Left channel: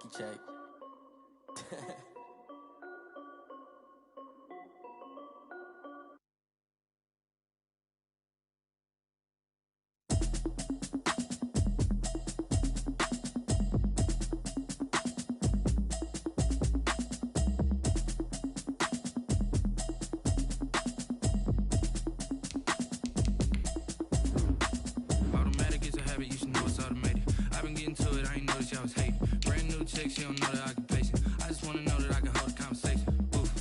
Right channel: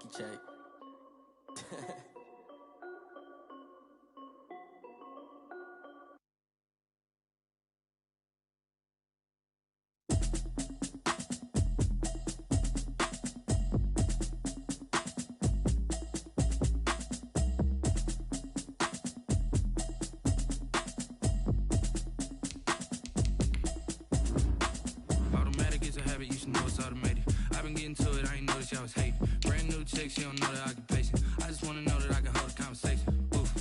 checky check. Automatic is a habit, you should know it's automated. I've been getting to it, I ain't noticed y'all was hating. Brand new chick, she don't know that I can pace it. I just wanna know that I can hold a conversation. Oof,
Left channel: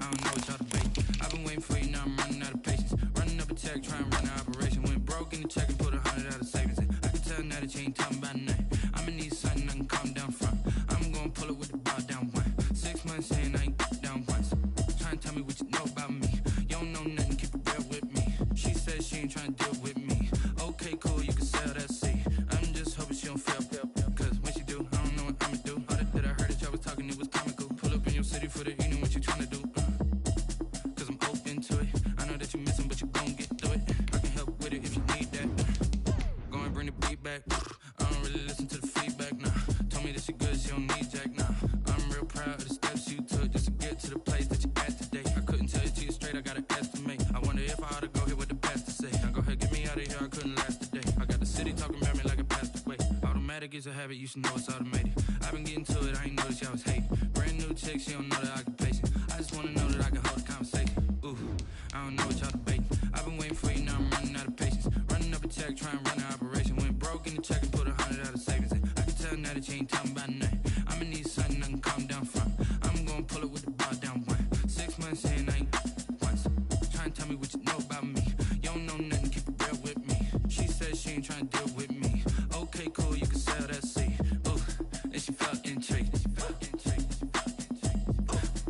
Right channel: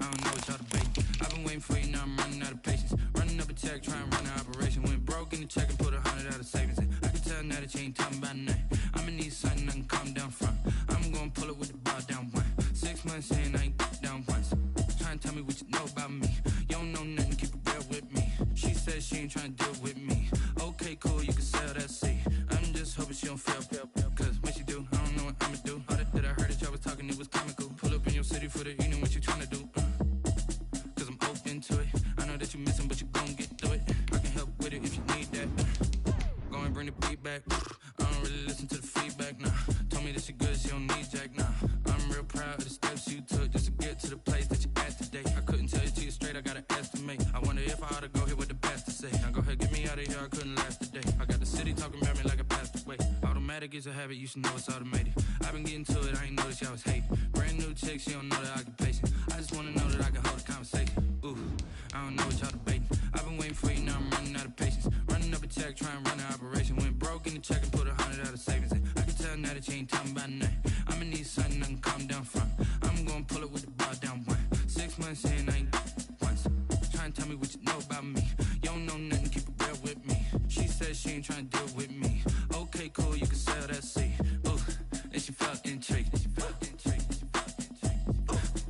I don't know what y'all debating. I've been waiting for you, now I'm running out of patience. Running up a check, trying to run an operation. Went broke in the check and put 100 out of savings in. I can tell now that you ain't talking about nothing. I'ma need something I can calm down from. I'm gonna pull it with the bar down one. 6 months in, I ain't down once. Trying to tell me what you know about me. You don't know nothing, keep it real with me. She says she ain't trying to deal with me. Okay, cool, you can sell that seat. I'm just hoping she don't fail. Cause when she do, I don't know what I'ma do. All that I heard that y'all was talking, it was comical. Pull up in your city for the evening, what you trying to do? Cause I'm open to it. I know that you missing, but you gon' get through it. I can help with it if you need that. Go and bring the beat back. I don't really listen to the feedback, nah. Told me that she good, she don't need jack, nah. I'm real proud of the steps you took just to get to the place that you at today. I couldn't tell you to you straight, I gotta estimate. I wonder if I ought to go here with the pastor say. Now go ahead, get me out of here, I couldn't last a day. I got the city talking about me like I passed away. Automatic is a habit, you should know it's automated. I've been getting to it, I ain't noticed y'all was hating. Brand new chick, she don't know the occupation. I just wanna know that I can hold a conversation. Ooh, I don't know what y'all debating. I've been waiting for you, now I'm running out of patience. Running up a check, trying to run an operation. Went broke in the check and put 100 out of savings in. I can tell now that you ain't talking about nothing. I'ma need something I can calm down from. I'm gonna pull it with the bar down one. 6 months in, I ain't once. Trying to tell me what you know about me. You don't know nothing, keep it real with me. She says she ain't trying to deal with me. Okay, cool, you can sell that seat. Ooh, and she felt intrigued.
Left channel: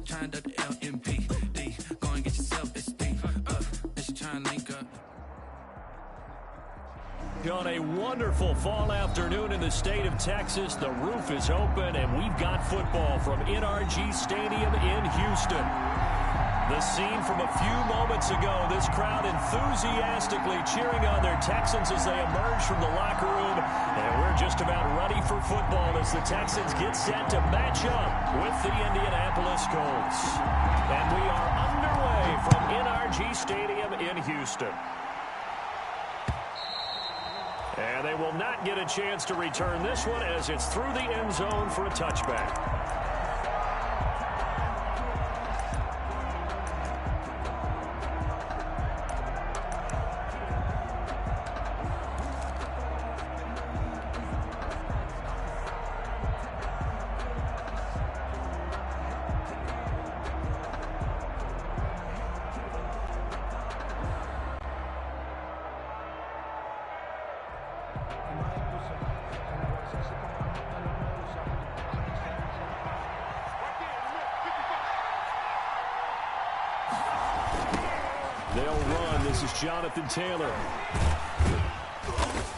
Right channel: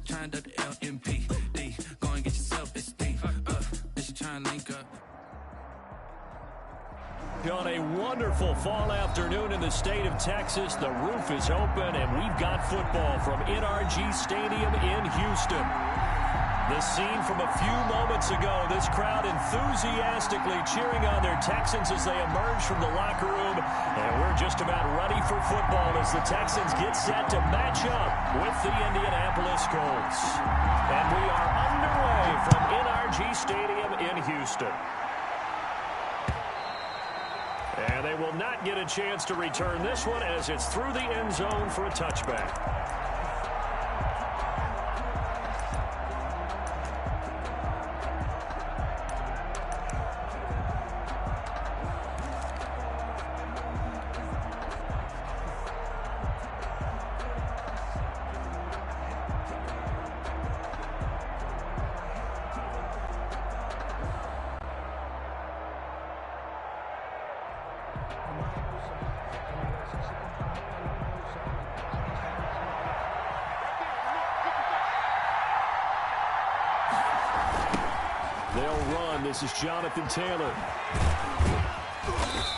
Trying to duck the LMPD. Go and get your self-esteem up. And she trying to link up. On a wonderful fall afternoon in the state of Texas, the roof is open, and we've got football from NRG Stadium in Houston. The scene from a few moments ago, this crowd enthusiastically cheering on their Texans as they emerge from the locker room. And we're just about ready for football as the Texans get set to match up with the Indianapolis Colts. And we are underway from NRG Stadium in Houston. And they will not get a chance to return this one as it's through the end zone for a touchback. They'll run. This is Jonathan Taylor.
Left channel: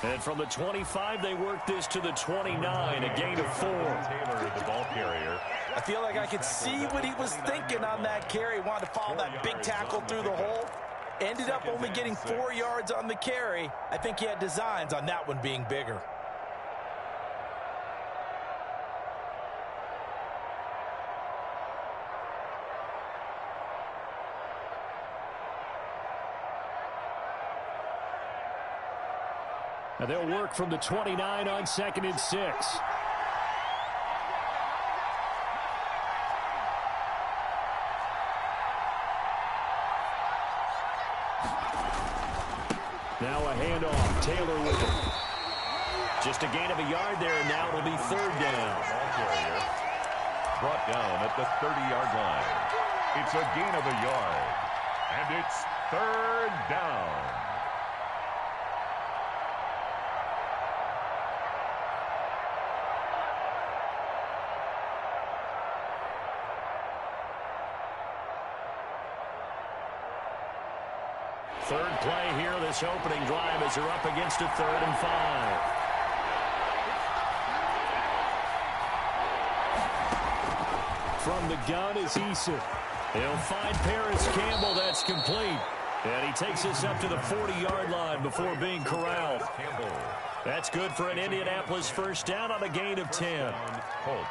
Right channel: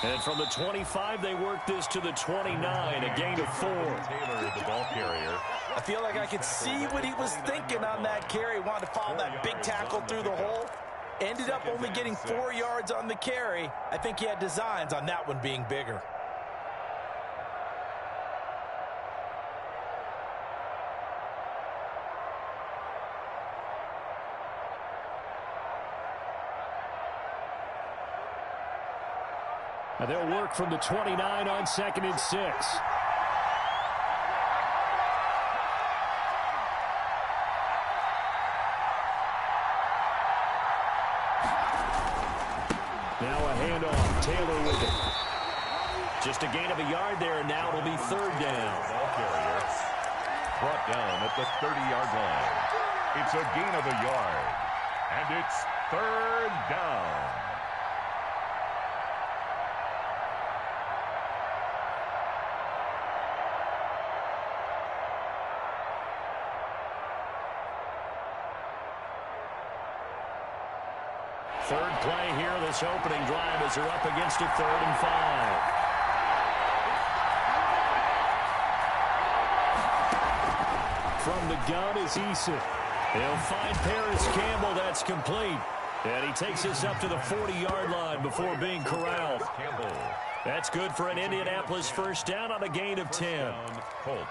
And from the 25, they work this to the 29, a gain of 4. Taylor, the ball carrier. I feel like I could see what he was thinking on that carry. Wanted to follow that big tackle through the hole. Ended up only getting 4 yards on the carry. I think he had designs on that one being bigger. And they'll work from the 29 on 2nd and 6. Now a handoff. Taylor with it. Just a gain of a yard there, and now it'll be 3rd down. Ball carrier brought down at the 30-yard line. It's a gain of a yard, and it's 3rd down. Third play here, this opening drive as they're up against a 3rd and 5. From the gun is Eason. He'll find Paris Campbell. That's complete. And he takes us up to the 40-yard line before being corralled. Campbell That's good for an Indianapolis first down on a gain of 10. Colts.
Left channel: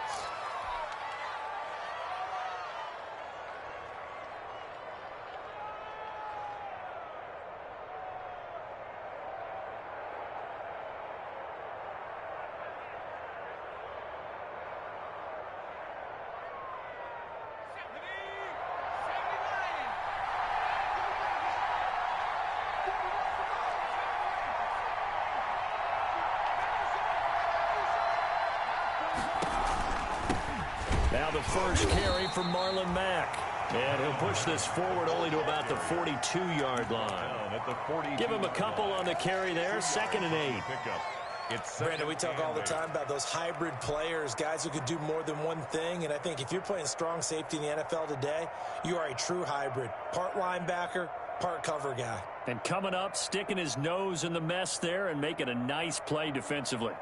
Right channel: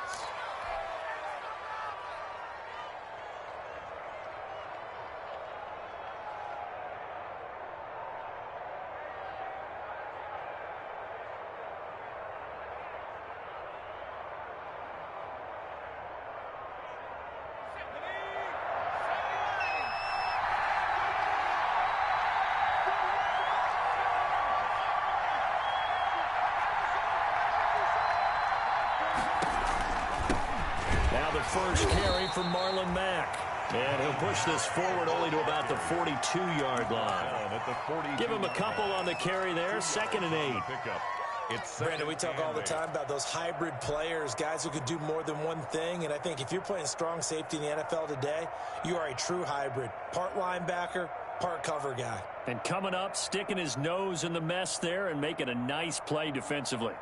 Now the first carry from Marlon Mack. And he'll push this forward only to about the 42-yard line. Give him a couple on the carry there. 2nd and 8. Brandon, we talk all the time about those hybrid players, guys who could do more than one thing. And I think if you're playing strong safety in the NFL today, you are a true hybrid. Part linebacker, part cover guy. And coming up, sticking his nose in the mess there and making a nice play defensively.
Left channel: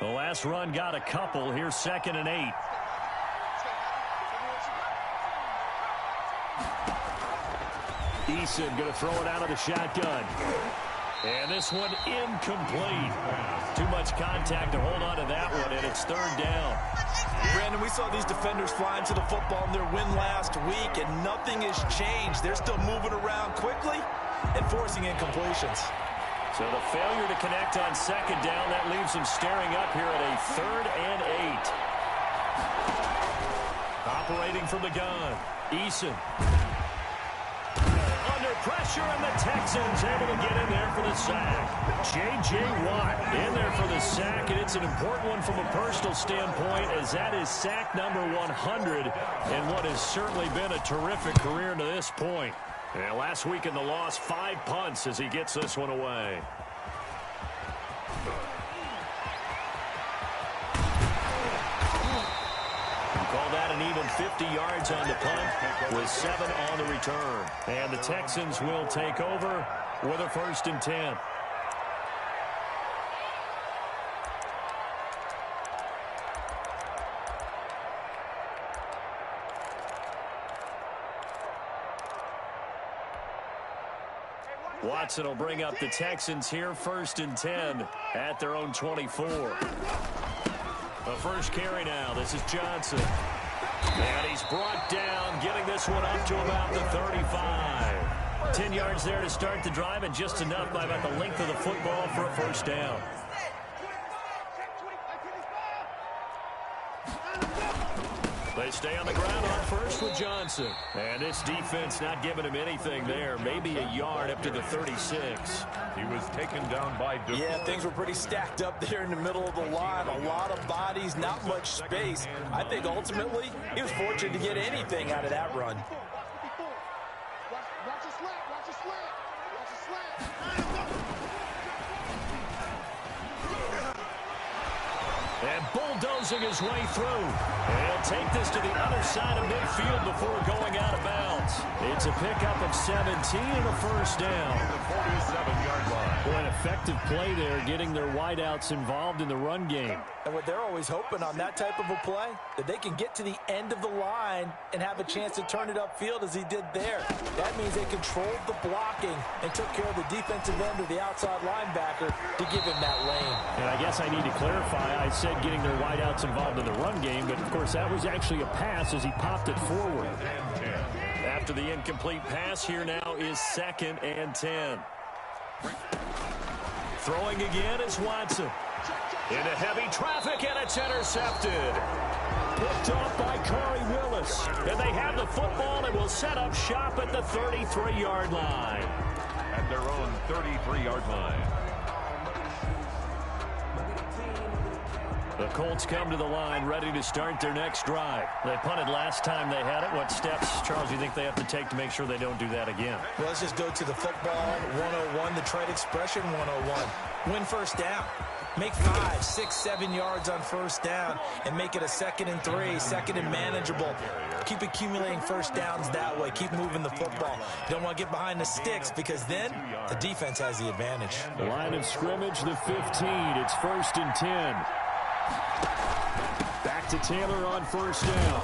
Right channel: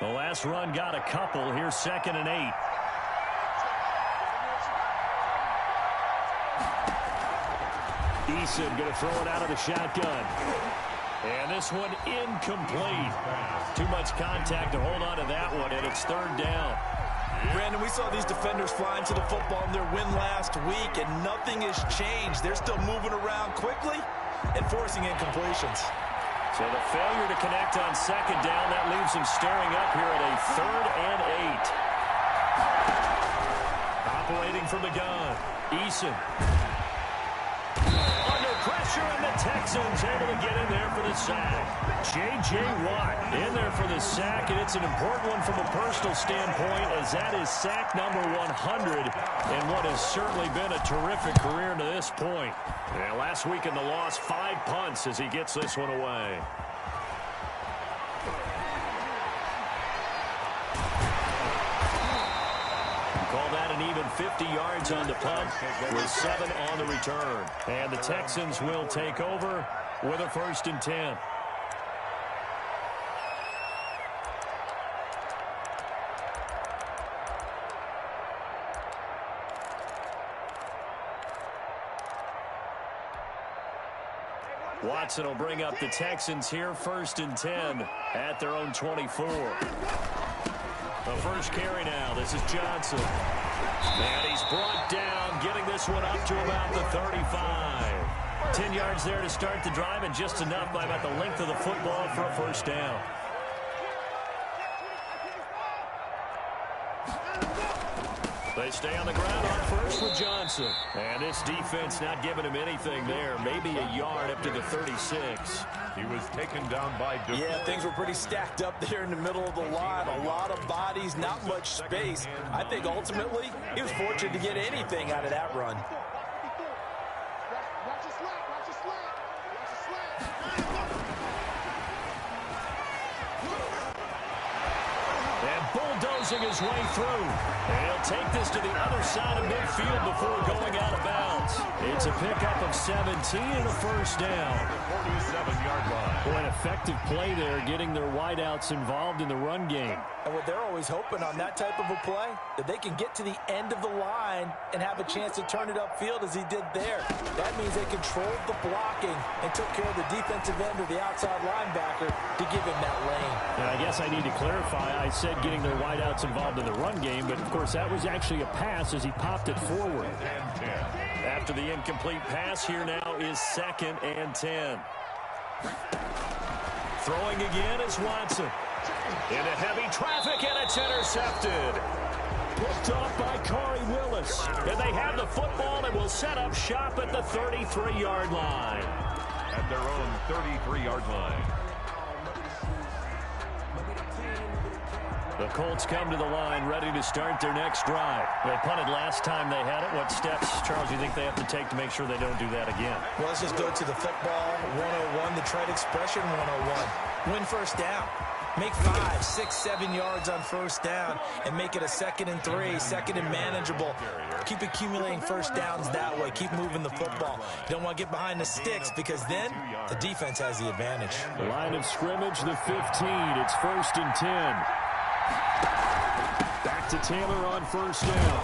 The last run got a couple. Here's 2nd and 8. Eason going to throw it out of the shotgun. And this one incomplete. Too much contact to hold on to that one, and it's 3rd down. Brandon, we saw these defenders flying to the football in their win last week, and nothing has changed. They're still moving around quickly and forcing incompletions. So the failure to connect on 2nd down, that leaves them staring up here at a 3rd and 8. Operating from the gun, Eason. Under pressure, and the Texans able to get in there for the sack. J.J. Watt in there for the sack, and it's an important one from a personal standpoint, as that is sack number 100 in what has certainly been a terrific career to this point. And last week in the loss, 5 punts as he gets this one away. Call that an even 50 yards on the punt with 7 on the return. And the Texans will take over with a 1st and 10. Watson will bring up the Texans here, 1st and 10 at their own 24. The first carry now. This is Johnson. And he's brought down, getting this one up to about the 35. 10 yards there to start the drive, and just enough by about the length of the football for a 1st down. They stay on the ground on 1st with Johnson. And this defense not giving him anything there. Maybe a yard up to the 36. He was taken down by defense. Yeah, things were pretty stacked up there in the middle of the line. A lot of bodies, not much space. I think ultimately he was fortunate to get anything out of that run. Watch your slant, watch your slant, watch your slant. And bulldozing his way through. And he'll take this to the other side of midfield before going out of bounds. It's a pickup of 17 and a 1st down. The 47-yard line. Boy, an effective play there, getting their wideouts involved in the run game. And what they're always hoping on that type of a play, that they can get to the end of the line and have a chance to turn it upfield as he did there. That means they controlled the blocking and took care of the defensive end or the outside linebacker to give him that lane. And I guess I need to clarify, I said getting their wideouts involved in the run game, but of course that was actually a pass as he popped it forward. After the incomplete pass, here now is 2nd and 10. Throwing again is Watson. Into heavy traffic, and it's intercepted. Picked off by Corey Willis. And they have the football and will set up shop at the 33-yard line. At their own 33-yard line. The Colts come to the line ready to start their next drive. They punted last time they had it. What steps, Charles, do you think they have to take to make sure they don't do that again? Well, let's just go to the football 101, the trade expression 101. Win 1st down. Make 5, 6, 7 yards on 1st down and make it a 2nd and 3, 2nd and manageable. Keep accumulating 1st downs that way. Keep moving the football. You don't want to get behind the sticks because then the defense has the advantage. Line of scrimmage, the 15. It's 1st and 10. Back to Taylor on 1st down.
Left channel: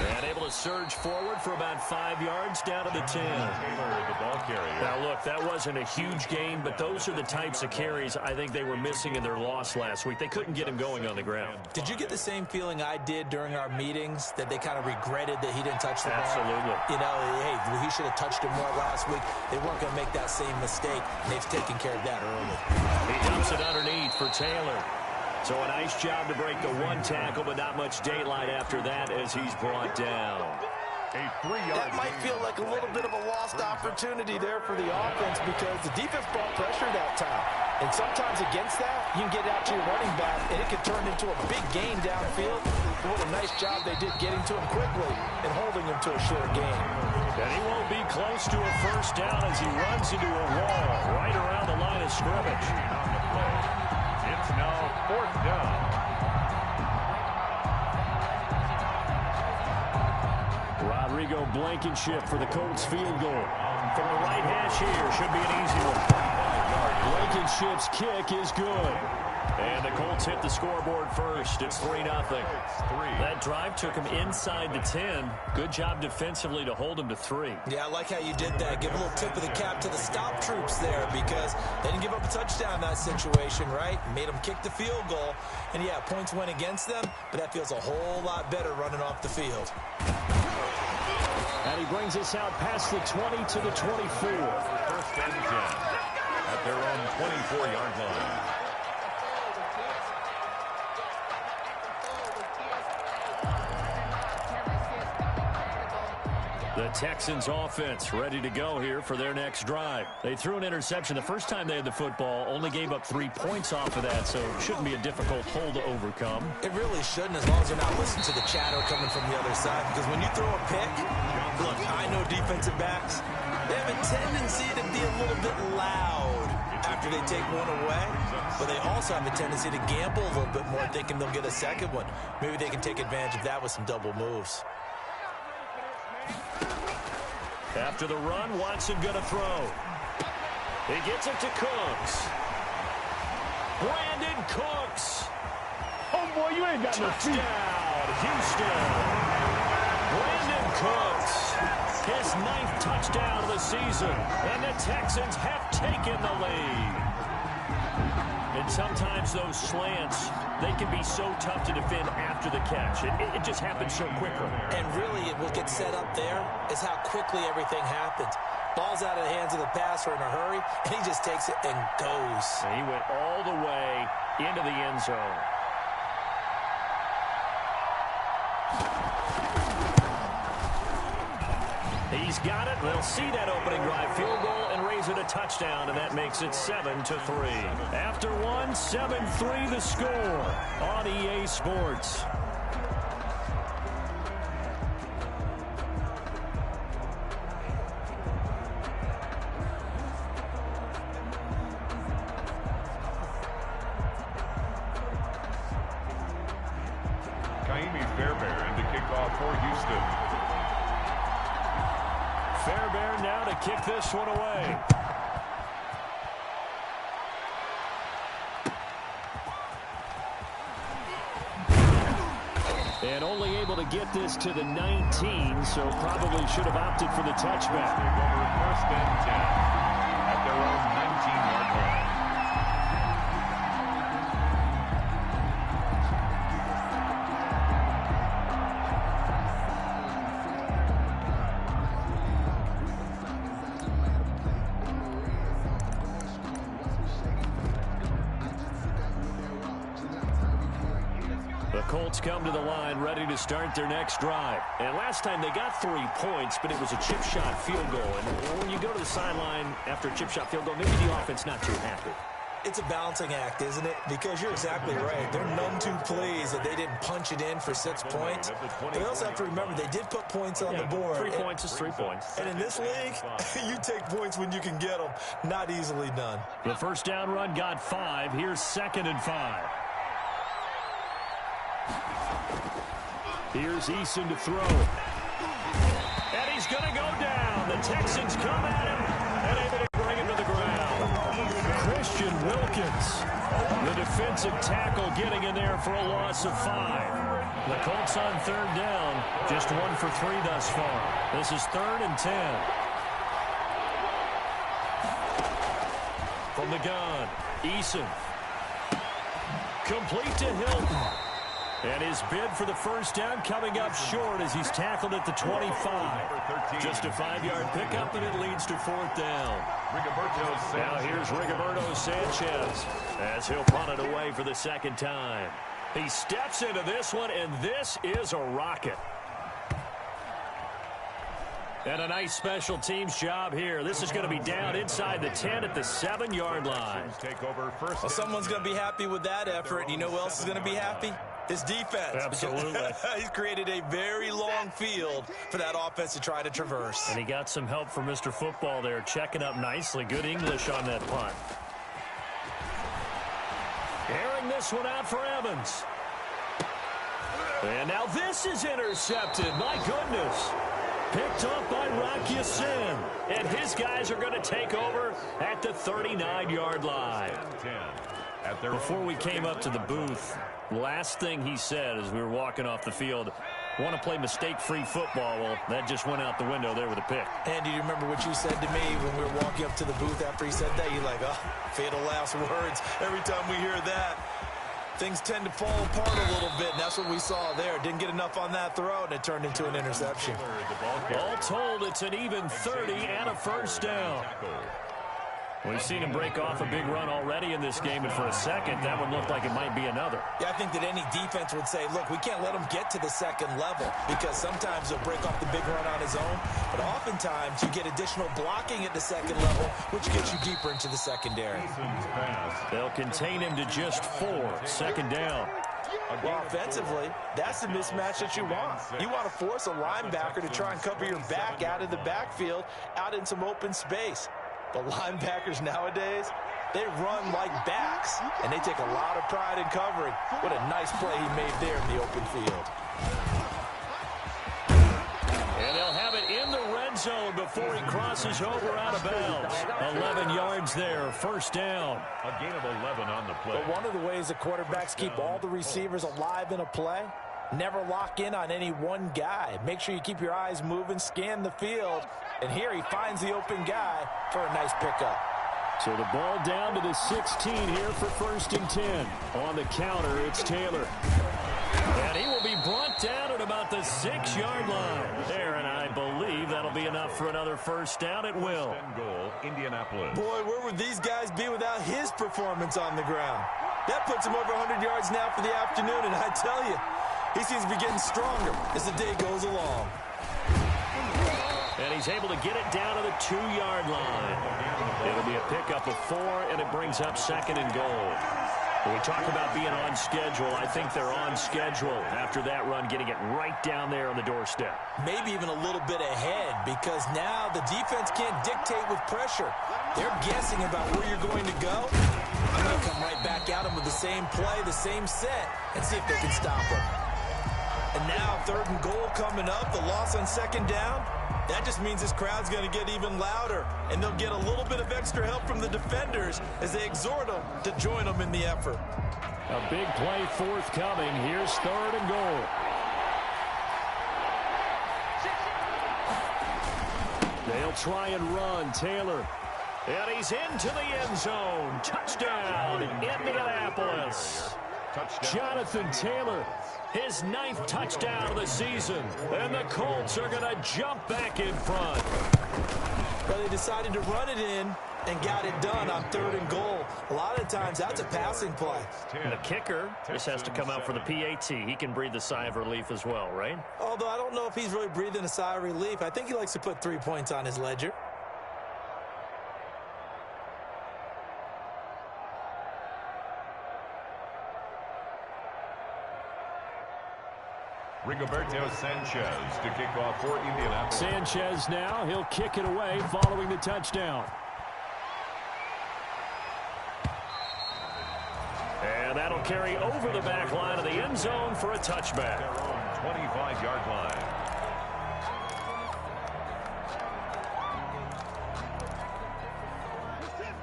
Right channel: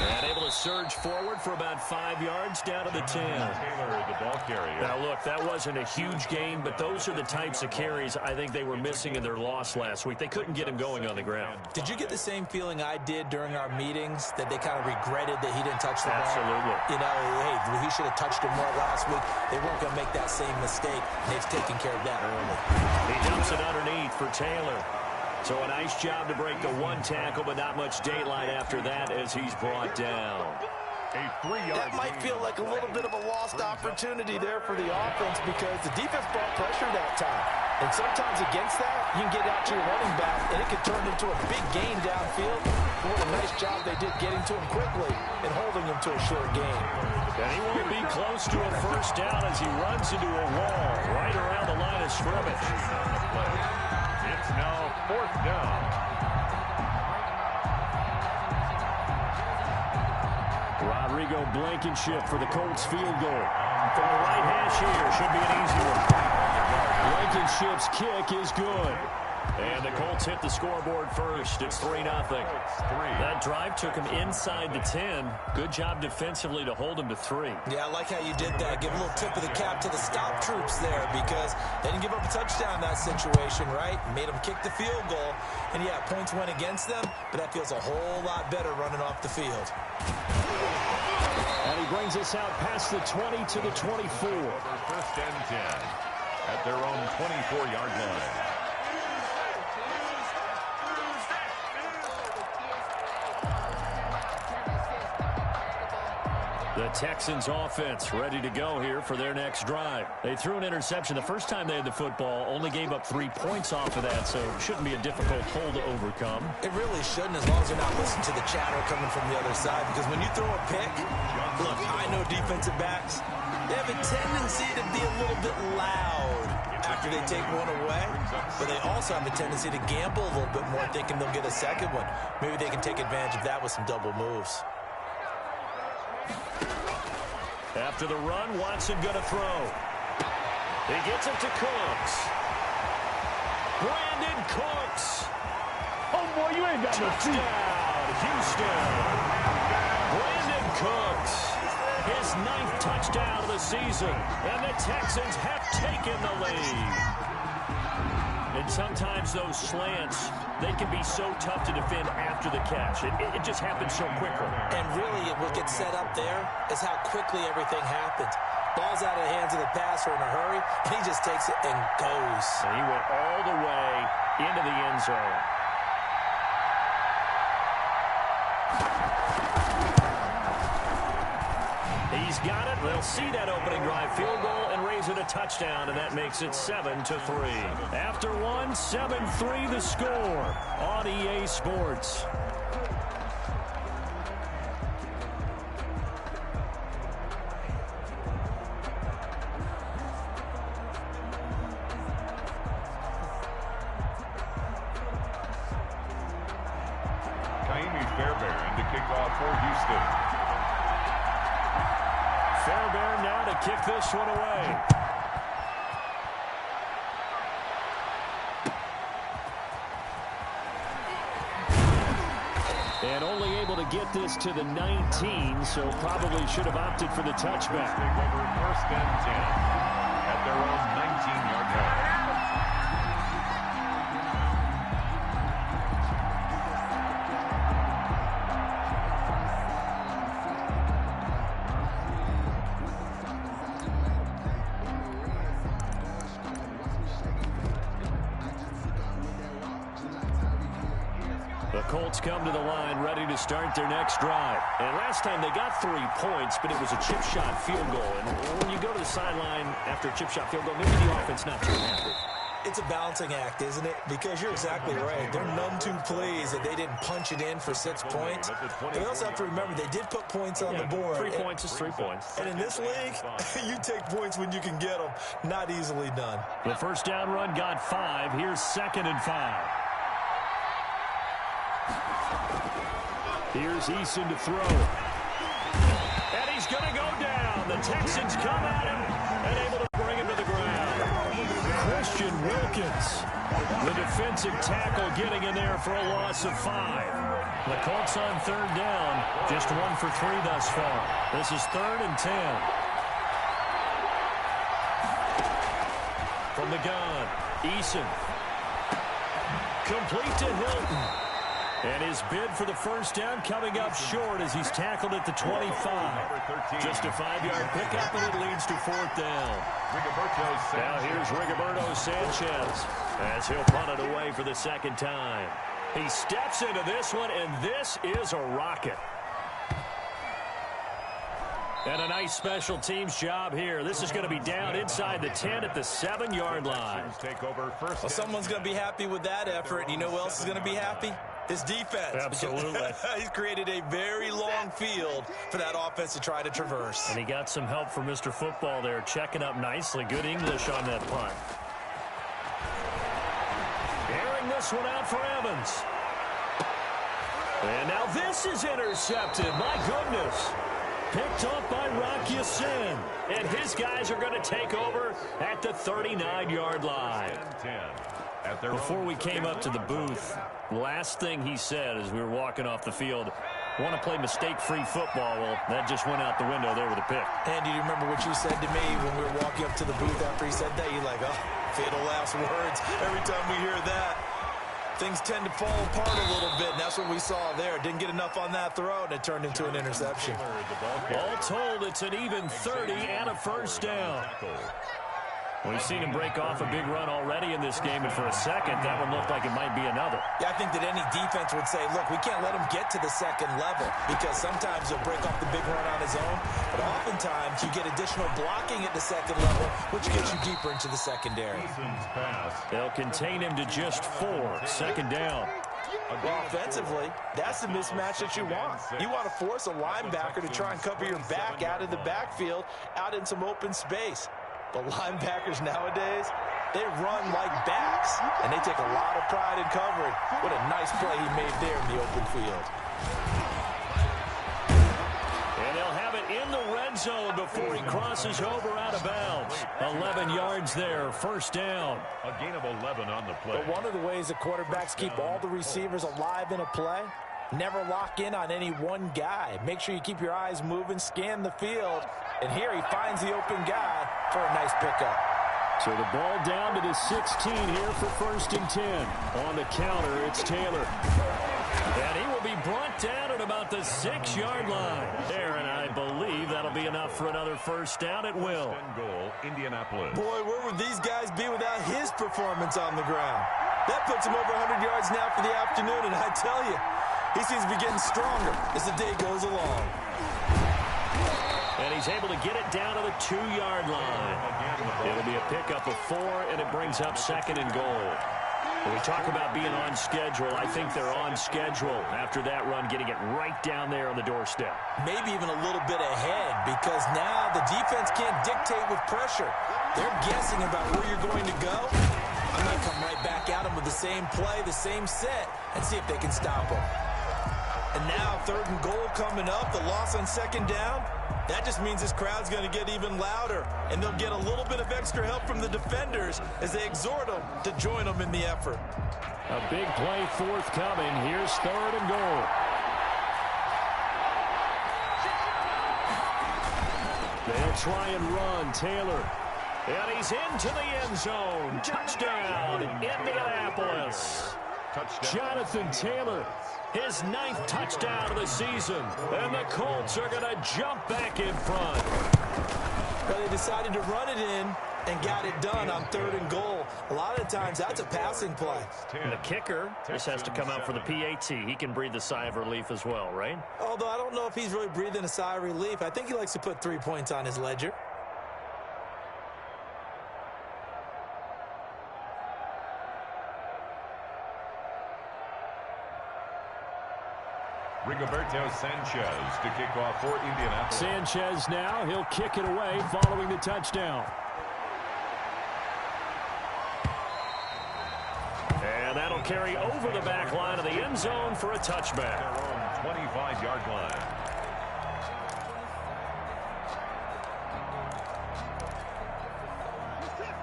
And able to surge forward for about 5 yards down to the 10. Taylor, the ball carrier. Now, look, that wasn't a huge gain, but those are the types of carries I think they were missing in their loss last week. They couldn't get him going on the ground. Did you get the same feeling I did during our meetings, that they kind of regretted that he didn't touch the ball? Absolutely. You know, hey, he should have touched it more last week. They weren't going to make that same mistake, and they've taken care of that early. He dumps it underneath for Taylor. So a nice job to break the one tackle, but not much daylight after that as he's brought down. A 3-yard That might feel like a little bit of a lost opportunity there for the offense because the defense brought pressure that time. And sometimes against that, you can get out to your running back, and it can turn into a big gain downfield. But what a nice job they did getting to him quickly and holding him to a short gain. And he won't be close to a first down as he runs into a wall right around the line of scrimmage. on the play. It's now 4th down. Rodrigo Blankenship for the Colts field goal. From the right hash here, should be an easy one. Blankenship's kick is good. And the Colts hit the scoreboard first. It's 3-0. That drive took him inside the 10. Good job defensively to hold him to 3. Yeah, I like how you did that. Give a little tip of the cap to the stop troops there because they didn't give up a touchdown in that situation, right? Made them kick the field goal. And, yeah, points went against them, but that feels a whole lot better running off the field. And he brings us out past the 20 to the 24. First and 10 at their own 24-yard line. The Texans offense ready to go here for their next drive. They threw an interception the first time they had the football, only gave up 3 points off of that, so it shouldn't be a difficult hole to overcome. It really shouldn't, as long as you're not listening to the chatter coming from the other side, because when you throw a pick, look, I know defensive backs, they have a tendency to be a little bit loud after they take one away, but they also have a tendency to gamble a little bit more, thinking they'll get a second one. Maybe they can take advantage of that with some double moves. After the run, Watson going to throw. He gets it to Cooks. Brandon Cooks. Oh, boy, you ain't got no feet. Touchdown, Houston. Brandon Cooks. His 9th touchdown of the season. And the Texans have taken the lead. And sometimes those slants, they can be so tough to defend after the catch. It just happens so quickly. And really, what gets set up there is how quickly everything happens. Ball's out of the hands of the passer in a hurry, and he just takes it and goes. And he went all the way into the end zone. He's got it. They'll see that opening drive field goal and raise it a touchdown, and that makes it 7-3. After one, 7-3 the score on EA Sports. Fairbairn to kick off for Houston. Fairbairn now to kick this one away. And only able to get this to the 19, so probably should have opted for the touchback. Take over 1st and 10 at their own 19-yard line. The Colts come to the line ready to start their next drive. And last time they got 3 points, but it was a chip shot field goal. And when you go to the sideline after a chip shot field goal, maybe the offense not too happy. It's a balancing act, isn't it? Because you're exactly right. They're none too pleased that they didn't punch it in for 6 points. But they also have to remember they did put points on the board. 3 points is 3 points. And in this league, you take points when you can get them. Not easily done. The first down run got 5. Here's 2nd and 5. Here's Eason to throw. And he's going to go down. The Texans come at him and able to bring him to the ground. Christian Wilkins, the defensive tackle, getting in there for a loss of 5. The Colts on third down, just 1 for 3 thus far. This is 3rd and 10. From the gun, Eason. Complete to Hilton. And his bid for the first down coming up short as he's tackled at the 25. Just a 5-yard pickup, and it leads to 4th down. Now here's Rigoberto Sanchez as he'll punt it away for the 2nd time. He steps into this one, and this is a rocket. And a nice special teams job here. This is going to be down inside the 10 at the 7-yard line. Well, someone's going to be happy with that effort. And you know who else is going to be happy? His defense. Absolutely. He's created a very long field for that offense to try to traverse. And he got some help from Mr. Football there, checking up nicely. Good English on that punt. Airing this one out for Evans. And now this is intercepted. My goodness. Picked off by Rock Ya-Sin. And his guys are going to take over at the 39-yard line. Before we came up to the booth, last thing he said as we were walking off the field, want to play mistake-free football. Well, that just went out the window there with a pick. And do you remember what you said to me when we were walking up to the booth after he said that? You're like, oh, fatal last words. Every time we hear that, things tend to fall apart a little bit, and that's what we saw there. Didn't get enough on that throw, and it turned into an interception. All told, it's an even 30 and a first down. We've seen him break off a big run already in this game, and for a second, that one looked like it might be another. Yeah, I think that any defense would say, look, we can't let him get to the second level, because sometimes he'll break off the big run on his own, but oftentimes you get additional blocking at the second level, which gets you deeper into the secondary. They'll contain him to just 4, 2nd down. Well, offensively, that's the mismatch that you want. You want to force a linebacker to try and cover your back out of the backfield, out in some open space. But linebackers nowadays, they run like backs, and they take a lot of pride in covering. What a nice play he made there in the open field. And they'll have it in the red zone before he crosses over out of bounds. 11 yards there, first down. A gain of 11 on the play. But one of the ways that quarterbacks keep all the receivers alive in a play, never lock in on any one guy. Make sure you keep your eyes moving, scan the field. And here he finds the open guy for a nice pickup. So the ball down to the 16 here for 1st and 10. On the counter, it's Taylor. And he will be brought down at about the 6-yard line. There, and I believe that'll be enough for another first down. It will. Goal, Indianapolis. Boy, where would these guys be without his performance on the ground? That puts him over 100 yards now for the afternoon, and I tell you, he seems to be getting stronger as the day goes along. And he's able to get it down to the 2-yard line. It'll be a pickup of 4, and it brings up 2nd and goal. When we talk about being on schedule, I think they're on schedule after that run, getting it right down there on the doorstep. Maybe even a little bit ahead, because now the defense can't dictate with pressure. They're guessing about where you're going to go. I'm going to come right back at them with the same play, the same set, and see if they can stop them. And now 3rd and goal coming up, the loss on 2nd down. That just means this crowd's going to get even louder, and they'll get a little bit of extra help from the defenders as they exhort them to join them in the effort. A big play forthcoming. Here's 3rd and goal. They'll try and run. Taylor. And he's into the end zone. Touchdown, Indianapolis. Jonathan Taylor, his 9th touchdown of the season. And the Colts are going to jump back in front. Well, they decided to run it in and got it done on 3rd and goal. A lot of times, that's a passing play. And the kicker just has to come out for the PAT. He can breathe a sigh of relief as well, right? Although I don't know if he's really breathing a sigh of relief. I think he likes to put 3 points on his ledger. Rigoberto Sanchez to kick off for Indianapolis. Sanchez now, he'll kick it away following the touchdown. And that'll carry over the back line of the end zone for a touchback. Their own 25-yard line.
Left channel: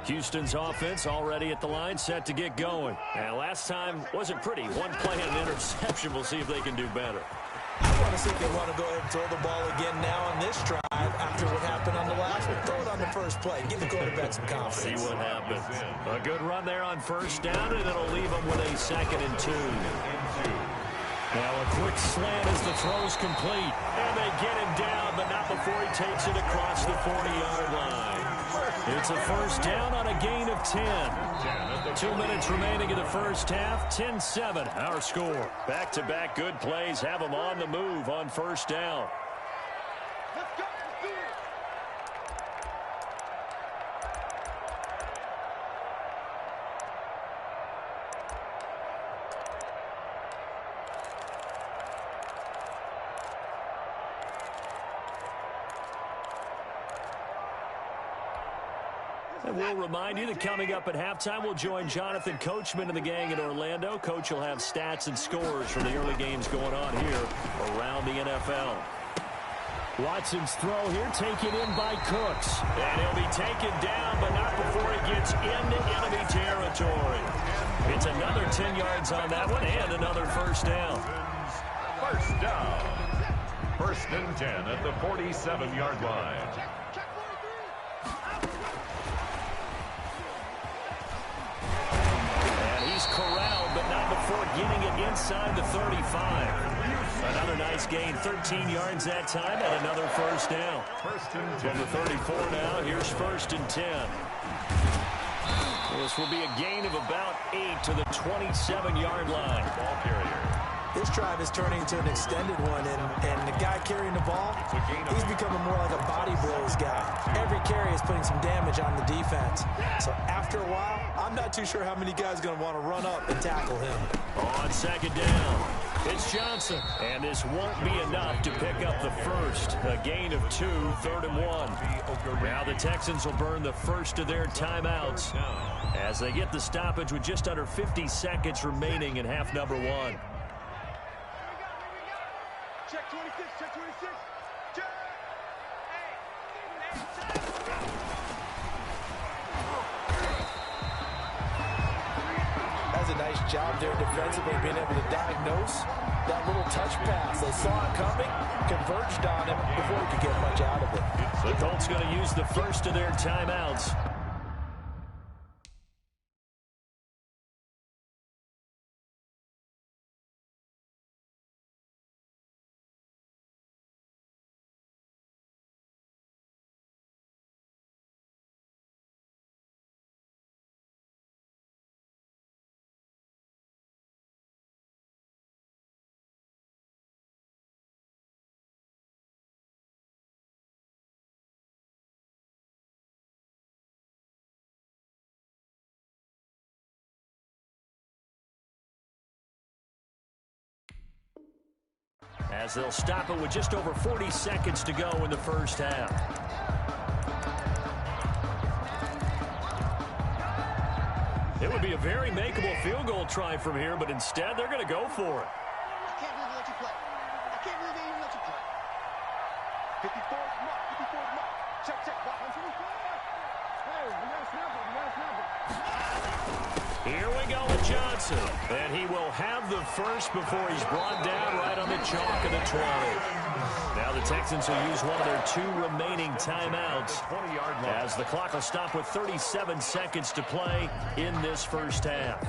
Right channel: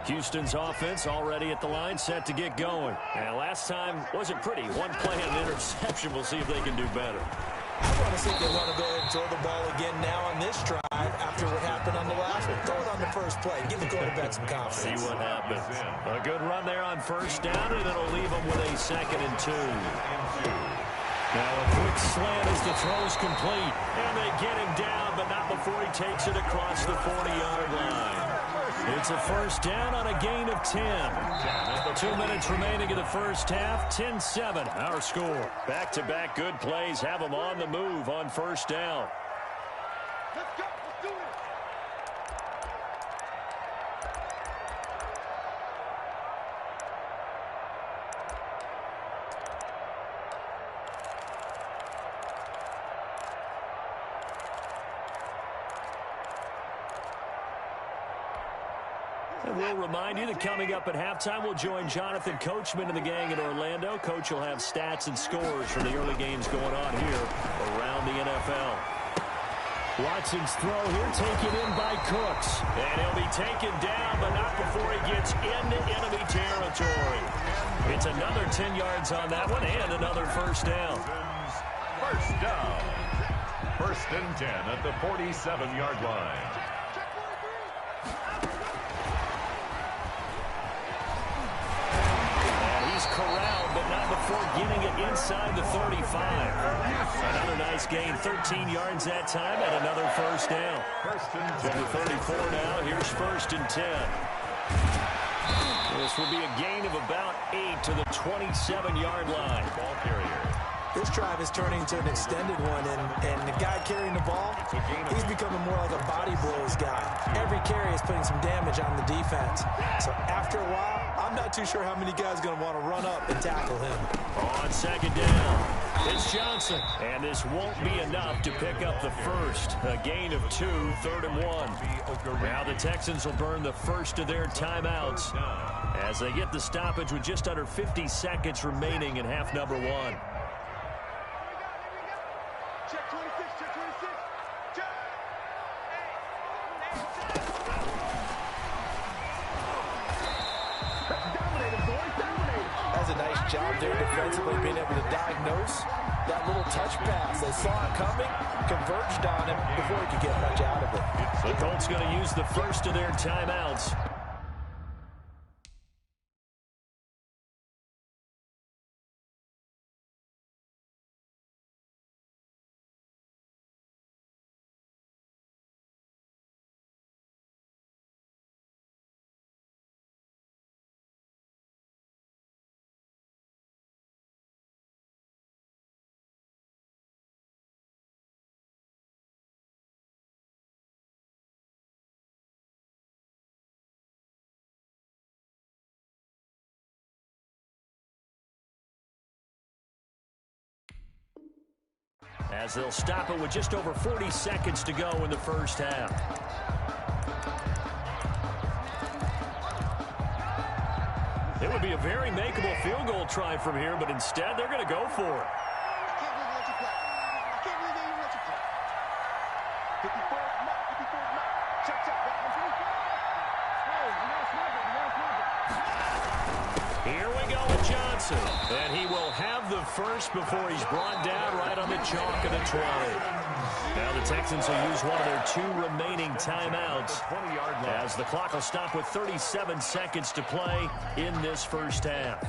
Houston's offense already at the line, set to get going. And last time wasn't pretty. One play and an interception. We'll see if they can do better. I want to see if they want to go ahead and throw the ball again now on this drive after what happened on the last one. Throw it on the first play. Give the quarterback some confidence. See what happens. A good run there on first down, and it'll leave them with a 2nd and 2. Now a quick slant as the throw's complete. And they get him down, but not before he takes it across the 40-yard line. It's a first down on a gain of 10. 2 minutes remaining in the first half. 10-7, our score. Back-to-back good plays have them on the move on first down. Let's go. Let's do it. And we'll remind you that coming up at halftime, we'll join Jonathan Coachman and the gang in Orlando. Coach will have stats and scores from the early games going on here around the NFL. Watson's throw here taken in by Cooks. And he'll be taken down, but not before he gets into enemy territory. It's another 10 yards on that one and another first down. First down. 1st and 10 at the 47-yard line. Check 43. He's corralled, but not before getting it inside the 35. Another nice gain, 13 yards that time, and another first down. 1st and 10. From the 34 now, here's 1st and 10. This will be a gain of about 8 to the 27-yard line. Ball carrier. This drive is turning into an extended one, and the guy carrying the ball, he's becoming more like a body blows guy. Every carry is putting some damage on the defense. So after a while, I'm not too sure how many guys are going to want to run up and tackle him. On 2nd down, it's Johnson. And this won't be enough to pick up the first. A gain of 2, 3rd and 1. Now the Texans will burn the first of their timeouts as they get the stoppage with just under 50 seconds remaining in half number 1. Check 26. Check 26. Check. That's a nice job there defensively, being able to diagnose that little touch pass. They saw it coming, converged on him before he could get much out of it. The Colts going to use the first of their timeouts. As they'll stop it with just over 40 seconds to go in the first half. It would be a very makeable field goal try from here, but instead they're going to go for it. I can't believe they let you play. I can't believe they even let you play. 54's mark. 54's mark. Check, check. Walk on 54. Hey, we got to snap it. We got to snap it. Here we go with Johnson. And he will have the first before he's brought down right on the chalk of the 20. Now the Texans will use one of their 2 remaining timeouts as the clock will stop with 37 seconds to play in this first half.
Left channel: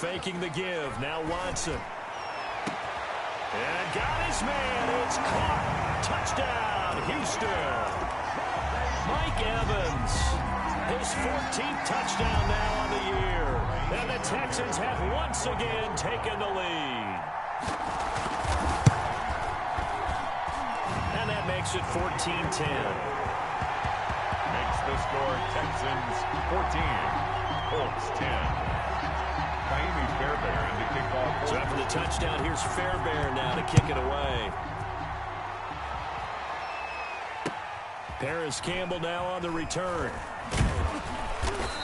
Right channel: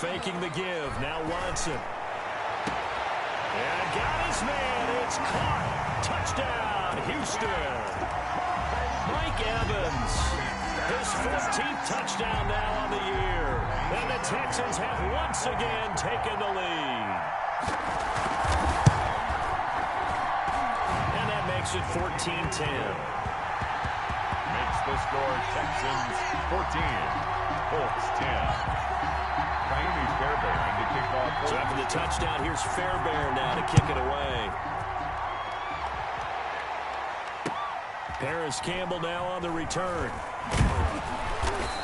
Faking the give. Now Watson. And got his man. It's caught. Touchdown, Houston. Mike Evans. His 14th touchdown now on the year. And the Texans have once again taken the lead. And that makes it 14-10. Makes the score Texans 14, Colts 10. Fairbairn to kick off. So after the touchdown, here's Fairbairn now to kick it away. Paris Campbell now on the return.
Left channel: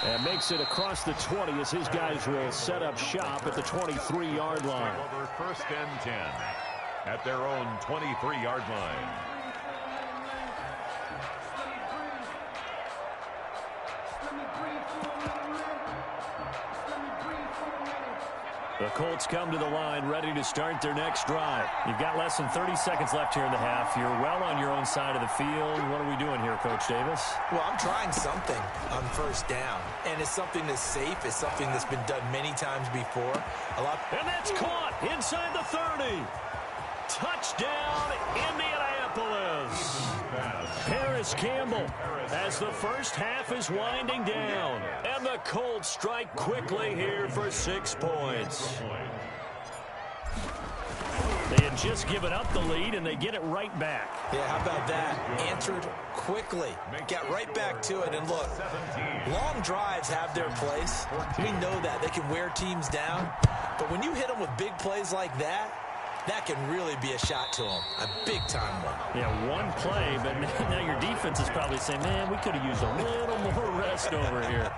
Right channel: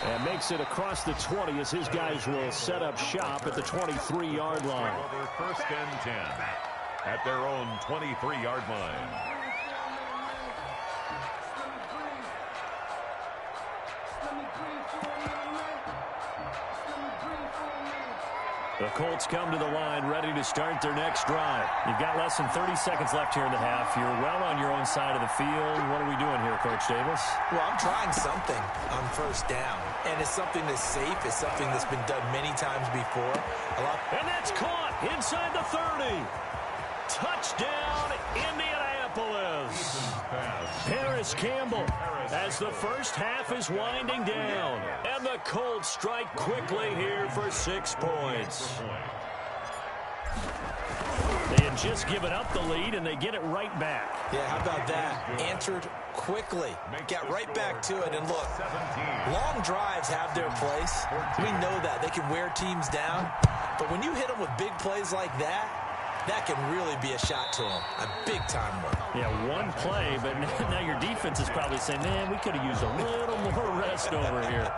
And makes it across the 20 as his guys will set up shop at the 23-yard line. Over first and 10 at their own 23-yard line. The Colts come to the line ready to start their next drive. You've got less than 30 seconds left here in the half. You're well on your own side of the field. What are we doing here, Coach Davis? Well, I'm trying something on first down, and it's something that's safe. It's something that's been done many times before. And that's caught inside the 30. Touchdown, Indianapolis. Paris Campbell as the first half is winding down. And the Colts strike quickly here for 6 points. They had just given up the lead, and they get it right back. Yeah, how about that? Answered quickly. Got right back to it. And look, long drives have their place. We know that. They can wear teams down. But when you hit them with big plays like that, that can really be a shot to them. A big-time one. Yeah, one play, but now your defense is probably saying, man, we could have used a little more rest over here.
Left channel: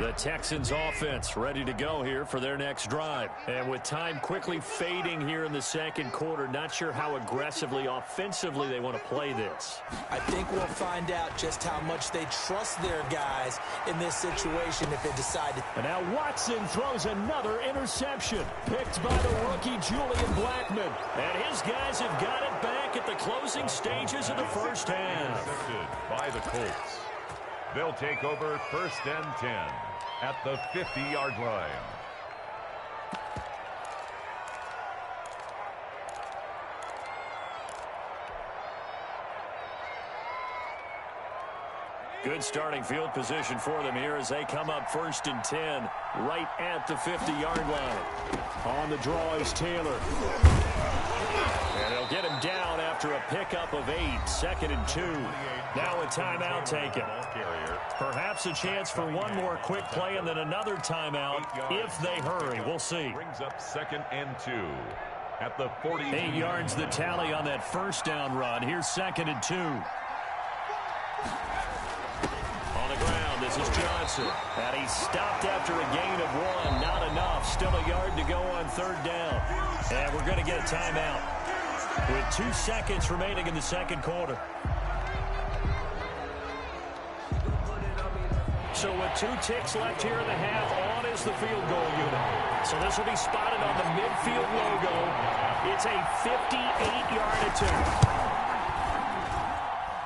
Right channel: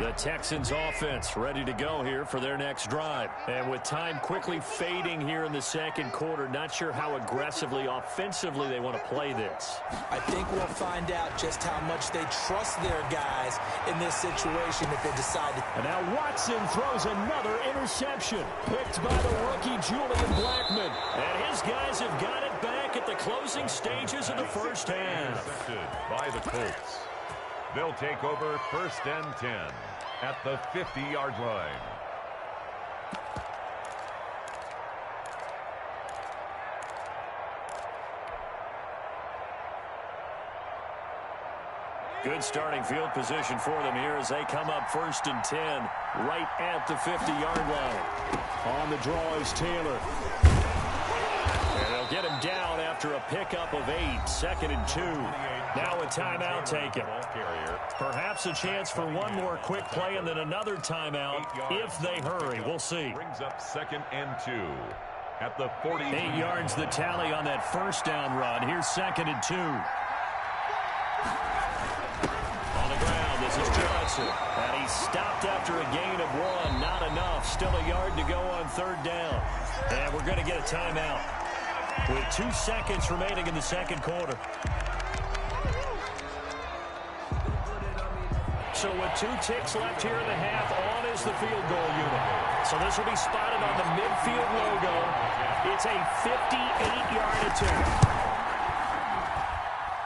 The Texans offense ready to go here for their next drive. And with time quickly fading here in the second quarter, not sure how aggressively, offensively they want to play this. I think we'll find out just how much they trust their guys in this situation if they decide to. And now Watson throws another interception. Picked by the rookie Julian Blackmon. And his guys have got it back at the closing stages of the first half. Intercepted by the Colts. They'll take over first and 10 at the 50-yard line. Good starting field position for them here as they come up first and 10 right at the 50-yard line. On the draw is Taylor. And they'll get him down after a pickup of 8, 2nd and 2. Now a timeout taken. Perhaps a chance for one more quick play and then another timeout if they hurry. We'll see. Brings up 2nd and 2 at the 40. 8 yards the tally on that first down run. Here's 2nd and 2. On the ground, this is Johnson. And he stopped after a gain of 1. Not enough. Still a yard to go on 3rd down. And we're going to get a timeout with 2 seconds remaining in the second quarter. So with 2 ticks left here in the half, on is the field goal unit. So this will be spotted on the midfield logo. It's a 58-yard attempt.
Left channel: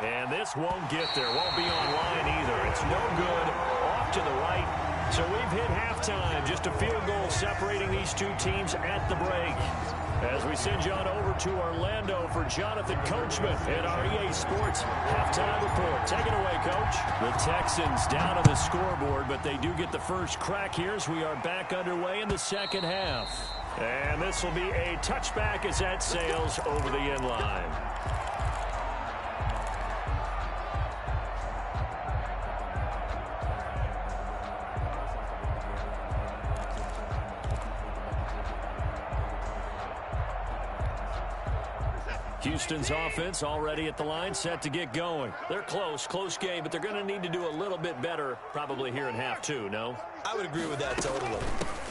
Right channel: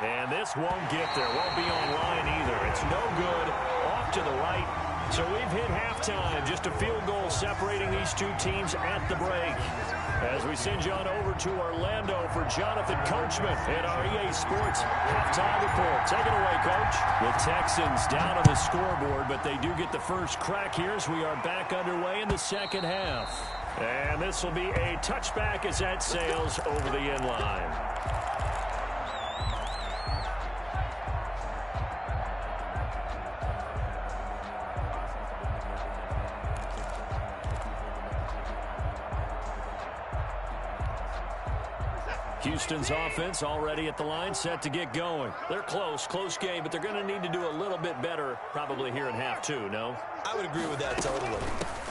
And this won't get there. Won't be on line either. It's no good. Off to the right. So we've hit halftime. Just a field goal separating these two teams at the break. As we send you on over to Orlando for Jonathan Coachman at our EA Sports halftime report. Take it away, Coach. The Texans down on the scoreboard, but they do get the first crack here as we are back underway in the second half. And this will be a touchback as that sails over the end line. Houston's offense already at the line, set to get going. They're close game, but they're going to need to do a little bit better probably here in half 2, no? I would agree with that totally.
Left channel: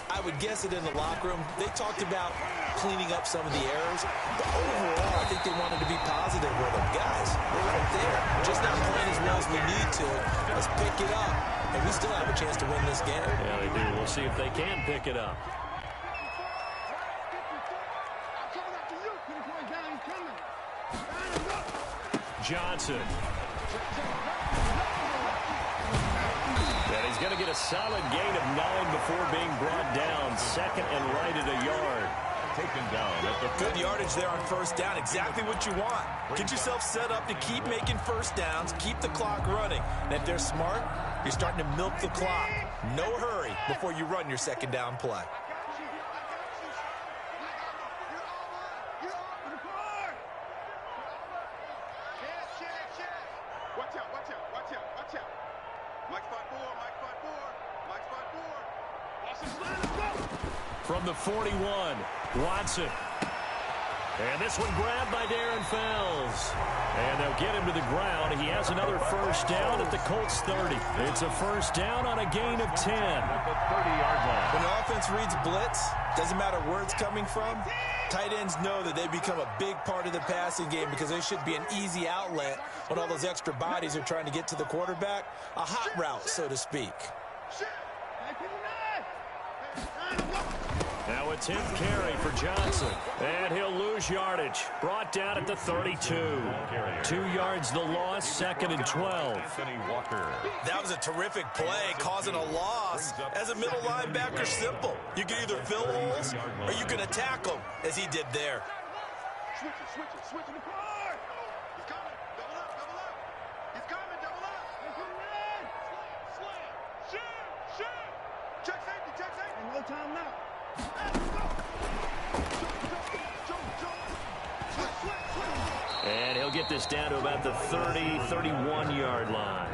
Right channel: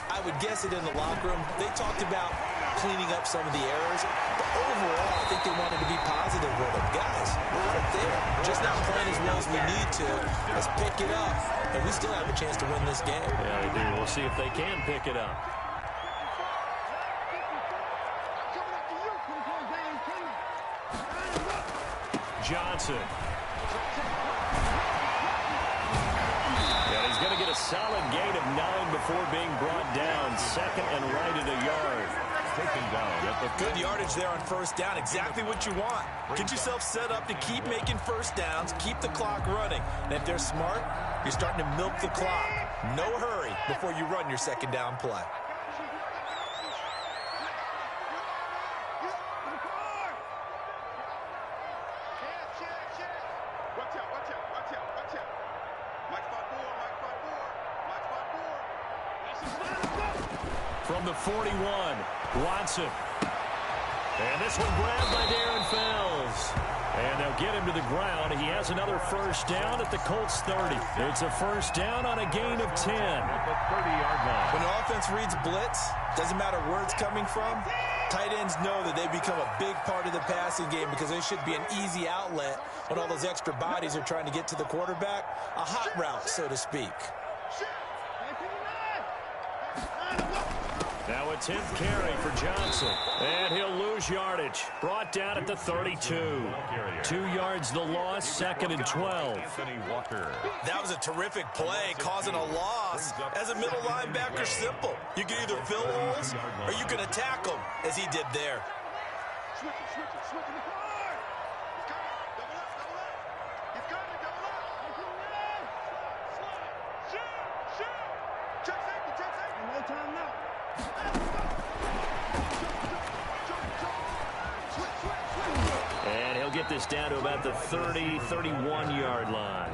I would guess it in the locker room. They talked about cleaning up some of the errors, but overall, I think they wanted to be positive with them. Guys, we're right there. Just not playing as well as we need to. Let's pick it up, and we still have a chance to win this game. Yeah, they do. We'll see if they can pick it up. Johnson. And he's going to get a solid gain of 9 before being brought down. 2nd and right at a yard. Taken down at the good yardage there on first down. Exactly what you want. Get yourself set up to keep making first downs, keep the clock running. And if they're smart, you're starting to milk the clock. No hurry before you run your second down play. From the 41, Watson. And this one grabbed by Darren Fells. And they'll get him to the ground. He has another first down at the Colts 30. It's a first down on a gain of 10. At the 30-yard line. When the offense reads blitz, doesn't matter where it's coming from, tight ends know that they become a big part of the passing game because they should be an easy outlet when all those extra bodies are trying to get to the quarterback. A hot route, so to speak. Now a 10th carry for Johnson. And he'll lose yardage. Brought down at the 32. 2 yards the loss, 2nd and 12. That was a terrific play, causing a loss. As a middle linebacker, simple. You can either fill holes or you can attack them, as he did there. Switch it the card. He's coming. Double up. He's coming, double up. Shoot. Check safety. No time now. And he'll get this down to about the 30, 31-yard line.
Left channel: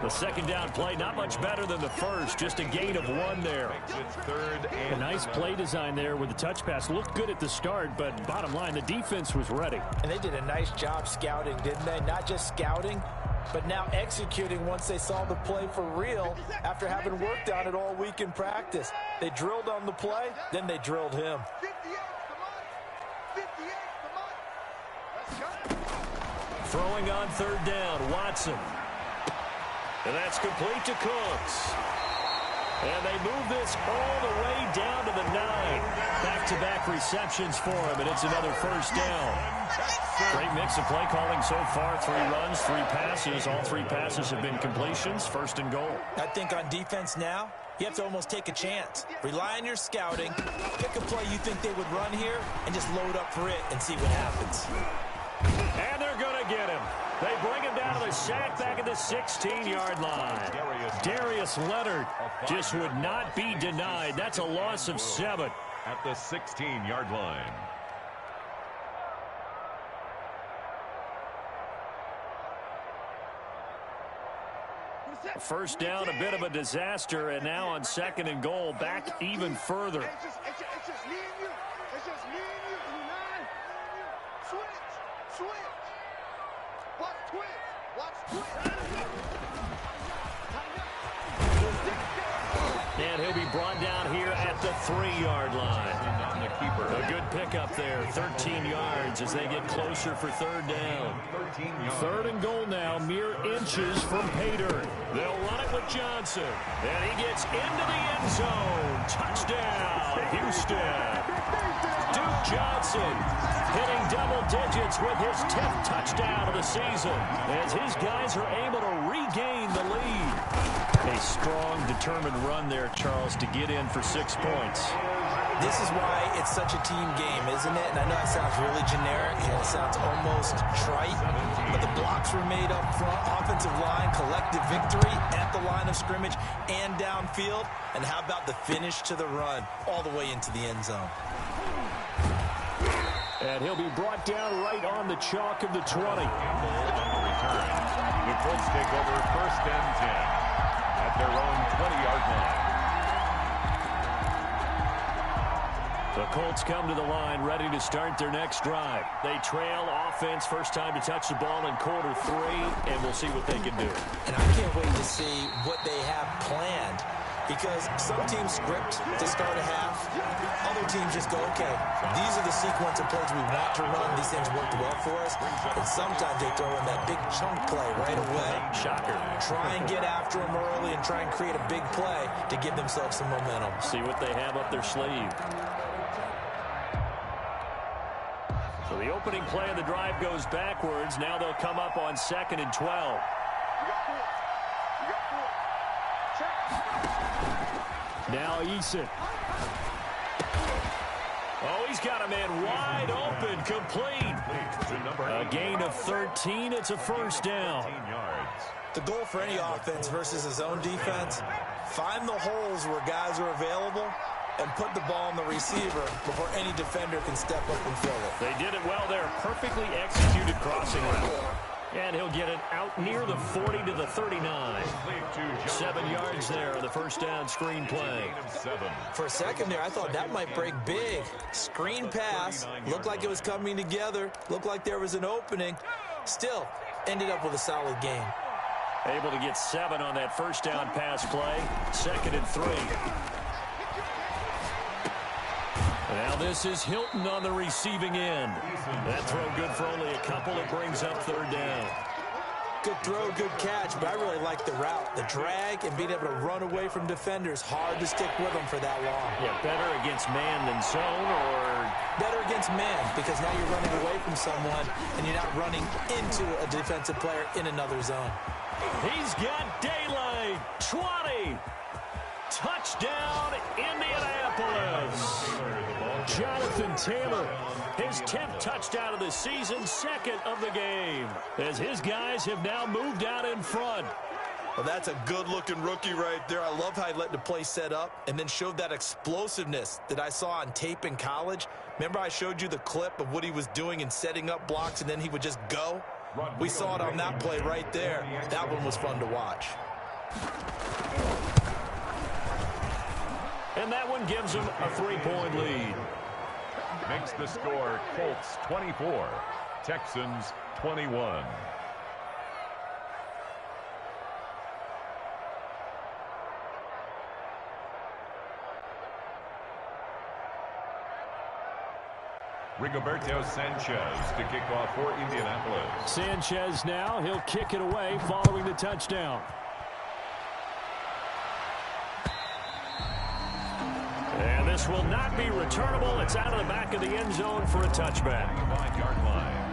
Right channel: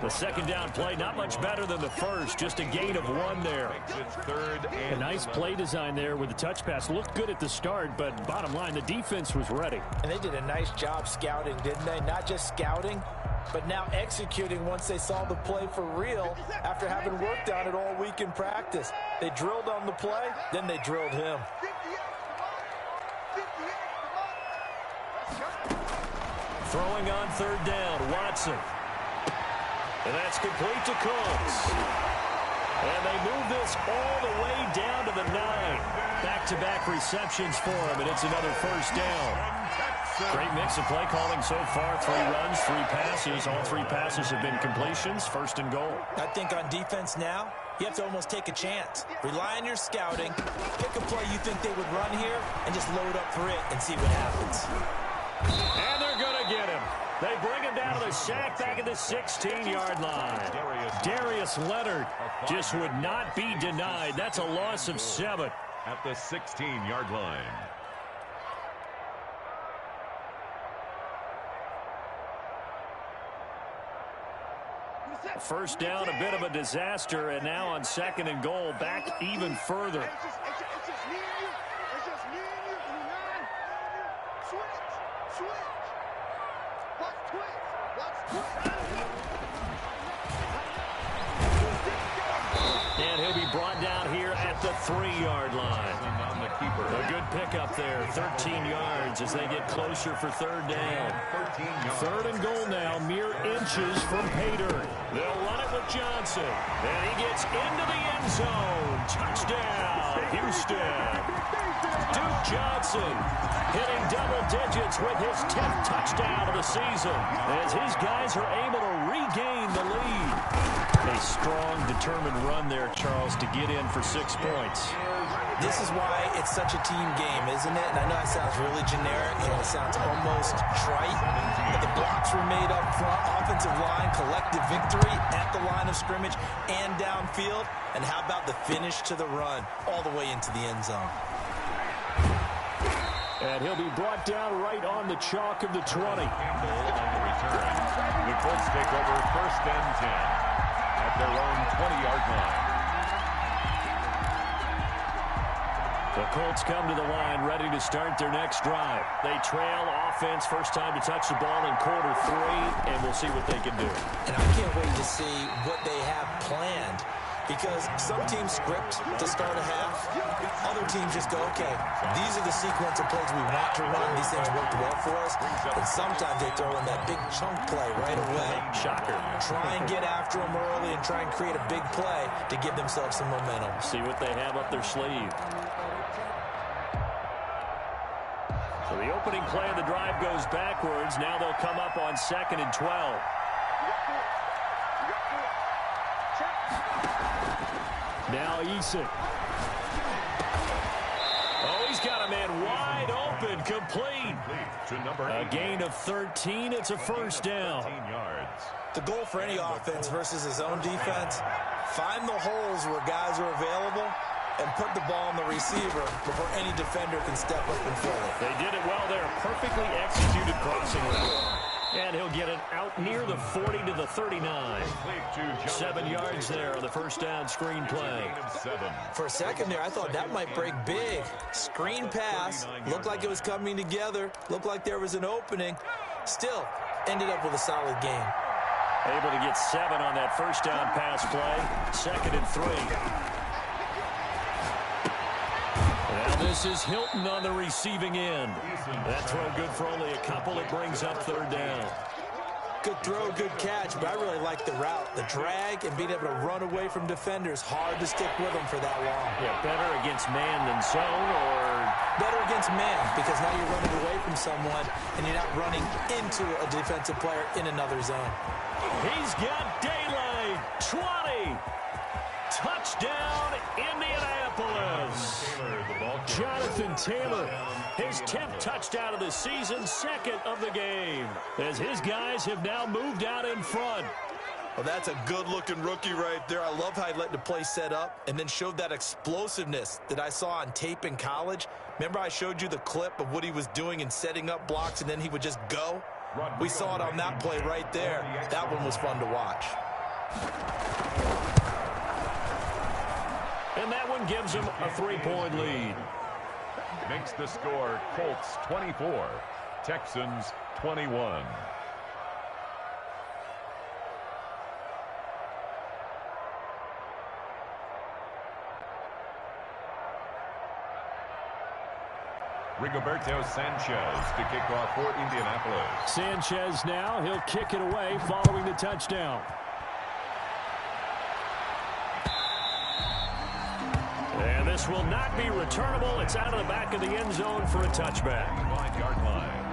The second down play, not much better than the first, just a gain of 1 there. A nice play design there with the touch pass. Looked good at the start, but bottom line, the defense was ready. And they did a nice job scouting, didn't they? Not just scouting, but now executing once they saw the play for real after having worked on it all week in practice. They drilled on the play, then they drilled him. 58 the money. Let's go. Throwing on third down, Watson. And that's complete to Cooks. And they move this all the way down to the 9. Back-to-back receptions for him, and it's another first down. Great mix of play calling so far. 3 runs, 3 passes. All 3 passes have been completions. 1st and goal. I think on defense now, you have to almost take a chance. Rely on your scouting. Pick a play you think they would run here, and just load up for it and see what happens. And they're going to get him. They bring him down to the sack back at the 16-yard line. Darius Leonard just would not be denied. That's a loss of 7. At the 16-yard line. First down, a bit of a disaster, and now on 2nd and goal, back even further. It's just me and you. It's just me and you. Switch. Watch twitch. And he'll be brought down here at the 3-yard line. A good pickup there, 13 yards as they get closer for 3rd down. 3rd and goal now, mere inches from Pater. They'll run it with Johnson. And he gets into the end zone. Touchdown, Houston. Duke Johnson hitting double digits with his 10th touchdown of the season as his guys are able to regain the lead. A strong, determined run there, Charles, to get in for 6 points. This is why it's such a team game, isn't it? And I know it sounds really generic and it sounds almost trite, but the blocks were made up front, offensive line, collective victory at the line of scrimmage and downfield. And how about the finish to the run all the way into the end zone? And he'll be brought down right on the chalk of the 20. Campbell on the return. The Colts take over 1st and 10 at their own 20-yard line. The Colts come to the line ready to start their next drive. They trail offense, first time to touch the ball in quarter 3, and we'll see what they can do. And I can't wait to see what they have planned, because some teams script to start a half. Other teams just go, okay, these are the sequence of plays we want to run. These things worked well for us. And sometimes they throw in that big chunk play right away. Shocker. Try and get after them early and try and create a big play to give themselves some momentum. See what they have up their sleeve. So the opening play of the drive goes backwards. Now they'll come up on 2nd and 12. You got 4. Check. Now Eason. Oh, he's got a man wide open, complete. To number 8. A 8. gain of 13. It's a first down. 13 yards. The goal for any offense versus his own defense, find the holes where guys are available and put the ball on the receiver before any defender can step up and fill it. They did it well there. Perfectly executed crossing route. And he'll get it out near the 40 to the 39. 7 yards there on the first down screen play. For a second there, I thought that might break big. Screen pass. Looked like it was coming together. Looked like there was an opening. Still, ended up with a solid game. Able to get 7 on that first down pass play. 2nd and 3. Now this is Hilton on the receiving end. That throw good for only a couple. It brings up 3rd down. Good throw, good catch, but I really like the route. The drag and being able to run away from defenders. Hard to stick with them for that long. Yeah, better against man than zone, or better against man, because now you're running away from someone and you're not running into a defensive player in another zone. He's got daylight. 20. Touchdown, Indianapolis. Jonathan Taylor, his 10th touchdown of the season, 2nd of the game, as his guys have now moved out in front. Well, that's a good-looking rookie right there. I love how he let the play set up and then showed that explosiveness that I saw on tape in college. Remember I showed you the clip of what he was doing and setting up blocks, and then he would just go? We saw it on that play right there. That one was fun to watch. And that one gives them a 3-point lead. Makes the score Colts 24, Texans 21. Rigoberto Sanchez to kick off for Indianapolis. Sanchez now, he'll kick it away following the touchdown. And this will not be returnable. It's out of the back of the end zone for a touchback. 5-yard line.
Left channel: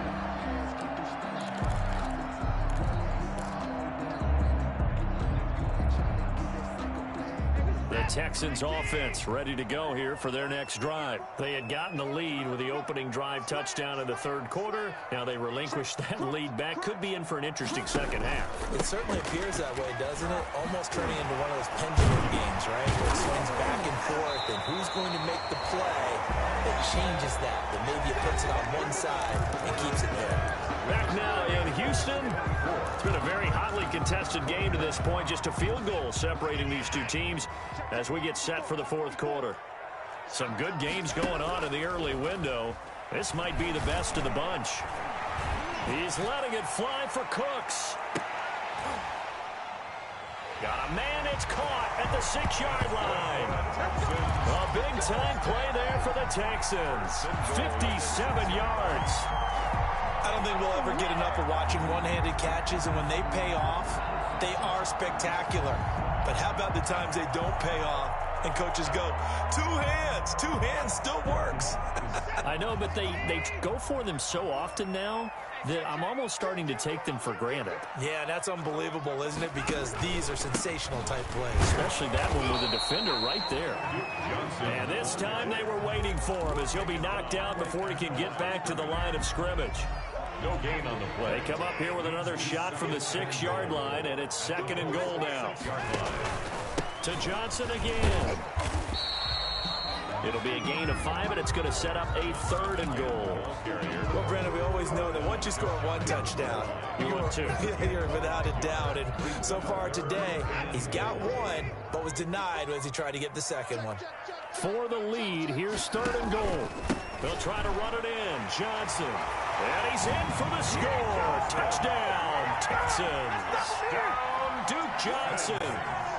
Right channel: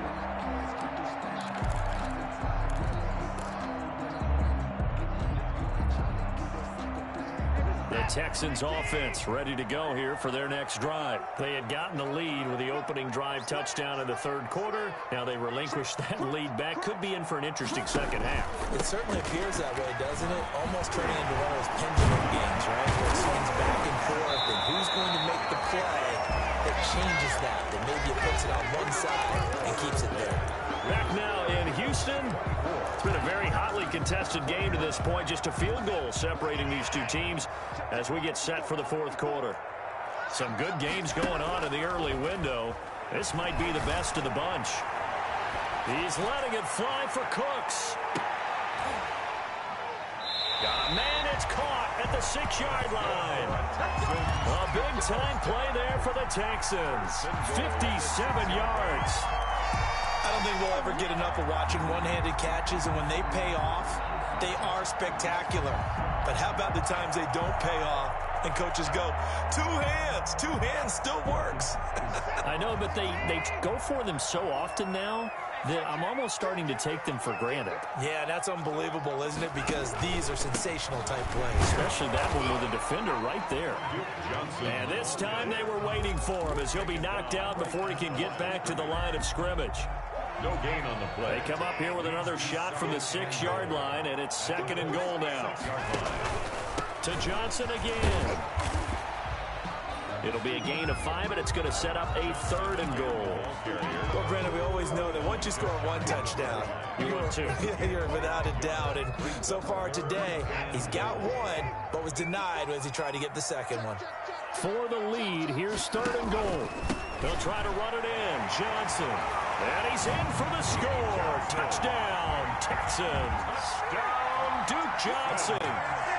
The Texans offense ready to go here for their next drive. They had gotten the lead with the opening drive touchdown in the 3rd quarter. Now they relinquished that lead back. Could be in for an interesting second half. It certainly appears that way, doesn't it? Almost turning into one of those pendulum games, right? Where it swings back and forth, and who's going to make the play that changes that maybe it puts it on one side and keeps it there. Back now in Houston. It's been a very hotly contested game to this point. Just a field goal separating these two teams as we get set for the 4th quarter. Some good games going on in the early window. This might be the best of the bunch. He's letting it fly for Cooks. Got a man, it's caught at the 6-yard line. A big-time play there for the Texans. 57 yards. I don't think we'll ever get enough of watching one-handed catches, and when they pay off, they are spectacular. But how about the times they don't pay off and coaches go, 2 hands still works. I know, but they go for them so often now that I'm almost starting to take them for granted. Yeah, that's unbelievable, isn't it? Because these are sensational type plays. Especially that one with a defender right there. And this time they were waiting for him as he'll be knocked out before he can get back to the line of scrimmage. No gain on the play. They come up here with another shot from the 6-yard line, and it's 2nd and goal now. To Johnson again. It'll be a gain of 5, and it's going to set up a 3rd and goal. Well, Brandon, we always know that once you score 1 touchdown, you're without a doubt. And so far today, he's got 1, but was denied as he tried to get the 2nd one. For the lead, here's 3rd and goal. They'll try to run it in. Johnson. And he's in for the score. Touchdown, Texans. Down, Duke Johnson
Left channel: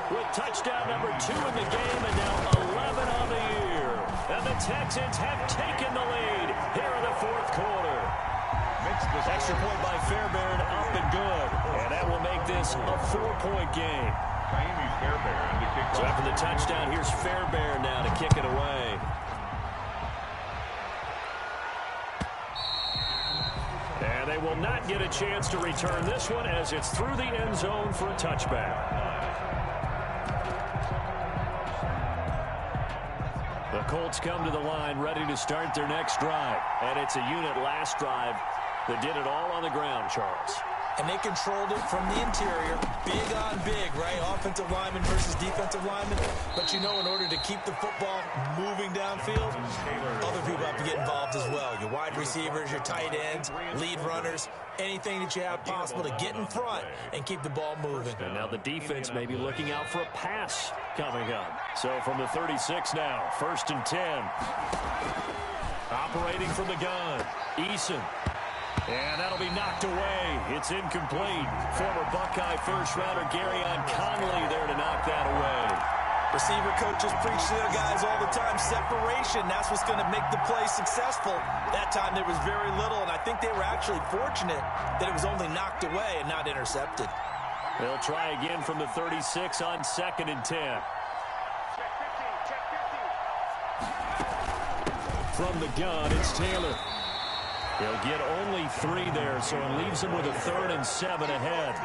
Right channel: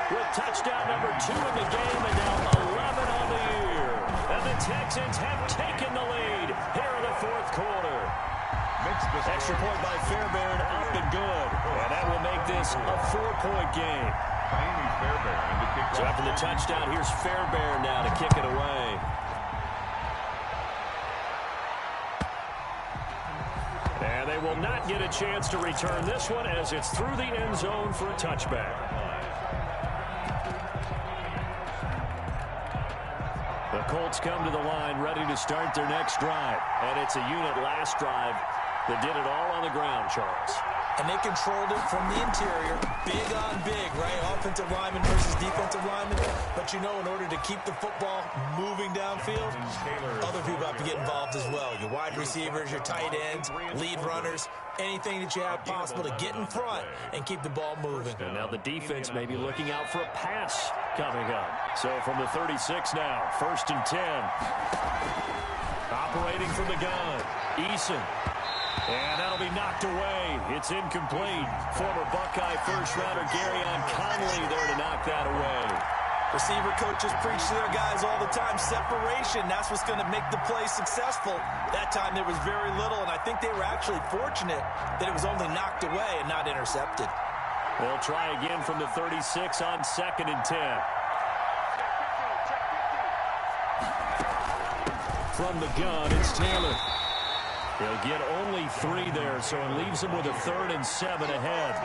with touchdown number 2 in the game, and now 11 on the year. And the Texans have taken the lead here in the 4th quarter. Extra point by Fairbairn, up and good. And that will make this a 4-point game. Fairbairn to kick so off. after the touchdown, here's Fairbairn now to kick it away. And they will not get a chance to return this one as it's through the end zone for a touchback. The Colts come to the line ready to start their next drive. And it's a unit last drive that did it all on the ground, Charles. and they controlled it from the interior. Big on big, right? Offensive lineman versus defensive lineman. But you know, in order to keep the football moving downfield, other people have to get involved as well. Your wide receivers, your tight ends, lead runners, anything that you have possible to get in front and keep the ball moving. And now the defense may be looking out for a pass coming up. So from the 36 now, 1st and 10. Operating from the gun, Eason. And that'll be knocked away. It's incomplete. Former Buckeye first-rounder Garyon Conley there to knock that away. Receiver coaches preach to their guys all the time. Separation, that's what's going to make the play successful. That time there was very little, and I think they were actually fortunate that it was only knocked away and not intercepted. They'll try again from the 36 on 2nd and 10. From the gun, it's Taylor. He'll get only 3 there, so it leaves him with a 3rd and 7 ahead.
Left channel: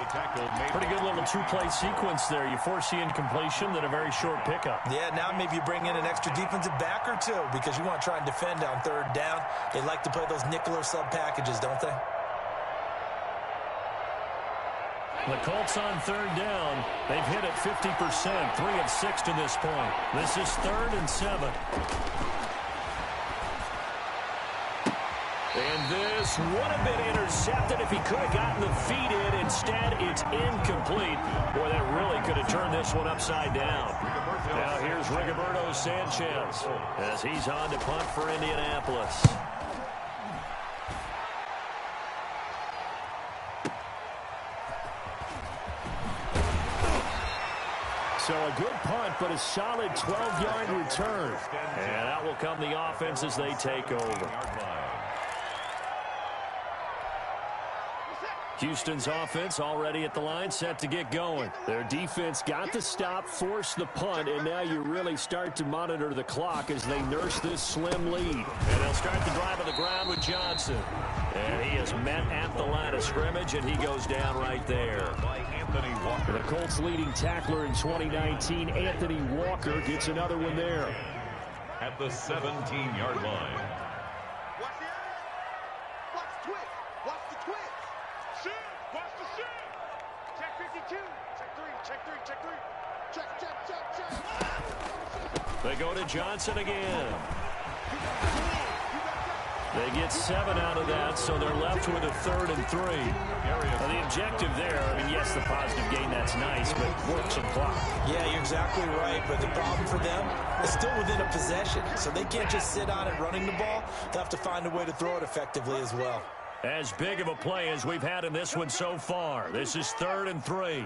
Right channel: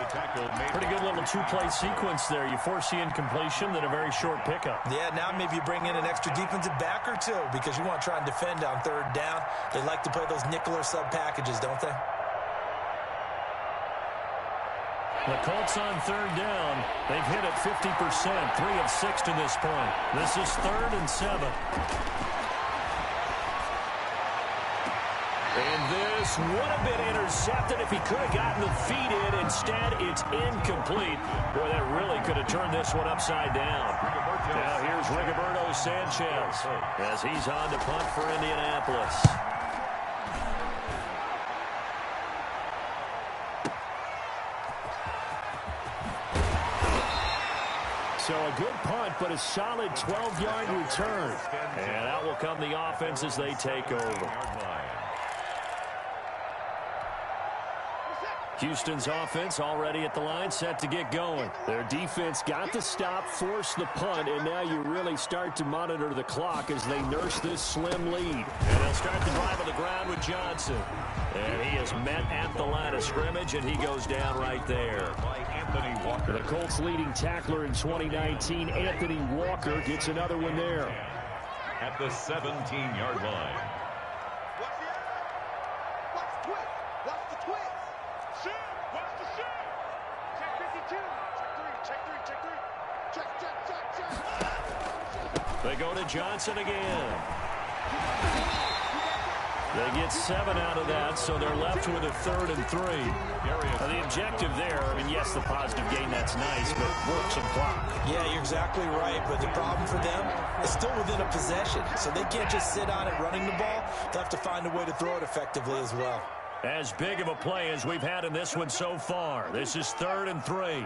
Pretty good little two-play sequence there. You force the incompletion, then a very short pickup. Yeah, now maybe you bring in an extra defensive back or two because you want to try and defend on 3rd down. They like to play those nickel or sub packages, don't they? The Colts on 3rd down. They've hit it 50%, 3 of 6 to this point. This is 3rd and 7. And this would have been intercepted if he could have gotten the feet in. Instead, it's incomplete. Boy, that really could have turned this one upside down. Now here's Rigoberto Sanchez as he's on to punt for Indianapolis. So a good punt, but a solid 12-yard return. And out will come the offense as they take over. Houston's offense already at the line, set to get going. Their defense got to stop, force the punt, and now you really start to monitor the clock as they nurse this slim lead. And they'll start the drive on the ground with Johnson. And he is met at the line of scrimmage, and he goes down right there. The Colts leading tackler in 2019, Anthony Walker, gets another one there. At the 17-yard line. Watch the eye. Watch the twist. Watch the twist. Shoot! Watch the shoot! Check 52. Check 3. Check 3. Check. They go to Johnson again. They get 7 out of that, so they're left with a 3rd and 3. The objective there, I mean, yes, the positive gain, that's nice, but work some clock. Yeah, you're exactly right, but the problem for them is still within a possession, so they can't just sit on it running the ball. They'll have to find a way to throw it effectively as well. As big of a play as we've had in this one so far. This is 3rd and 3.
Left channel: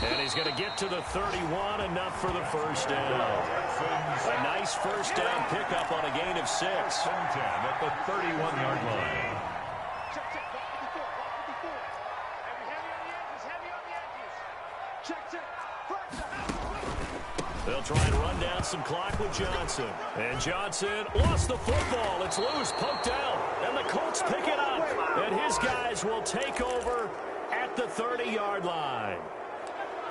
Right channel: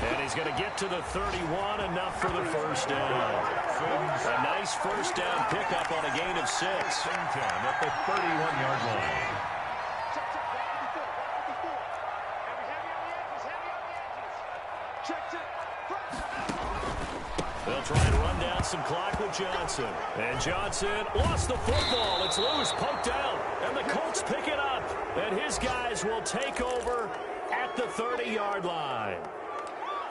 And he's going to get to the 31, enough for the first down. A nice first down pickup on a gain of 6. 10 at the 31-yard line. They'll try and run down some clock with Johnson. And Johnson lost the football. It's loose, poked out. And the Colts pick it up. And his guys will take over at the 30-yard line.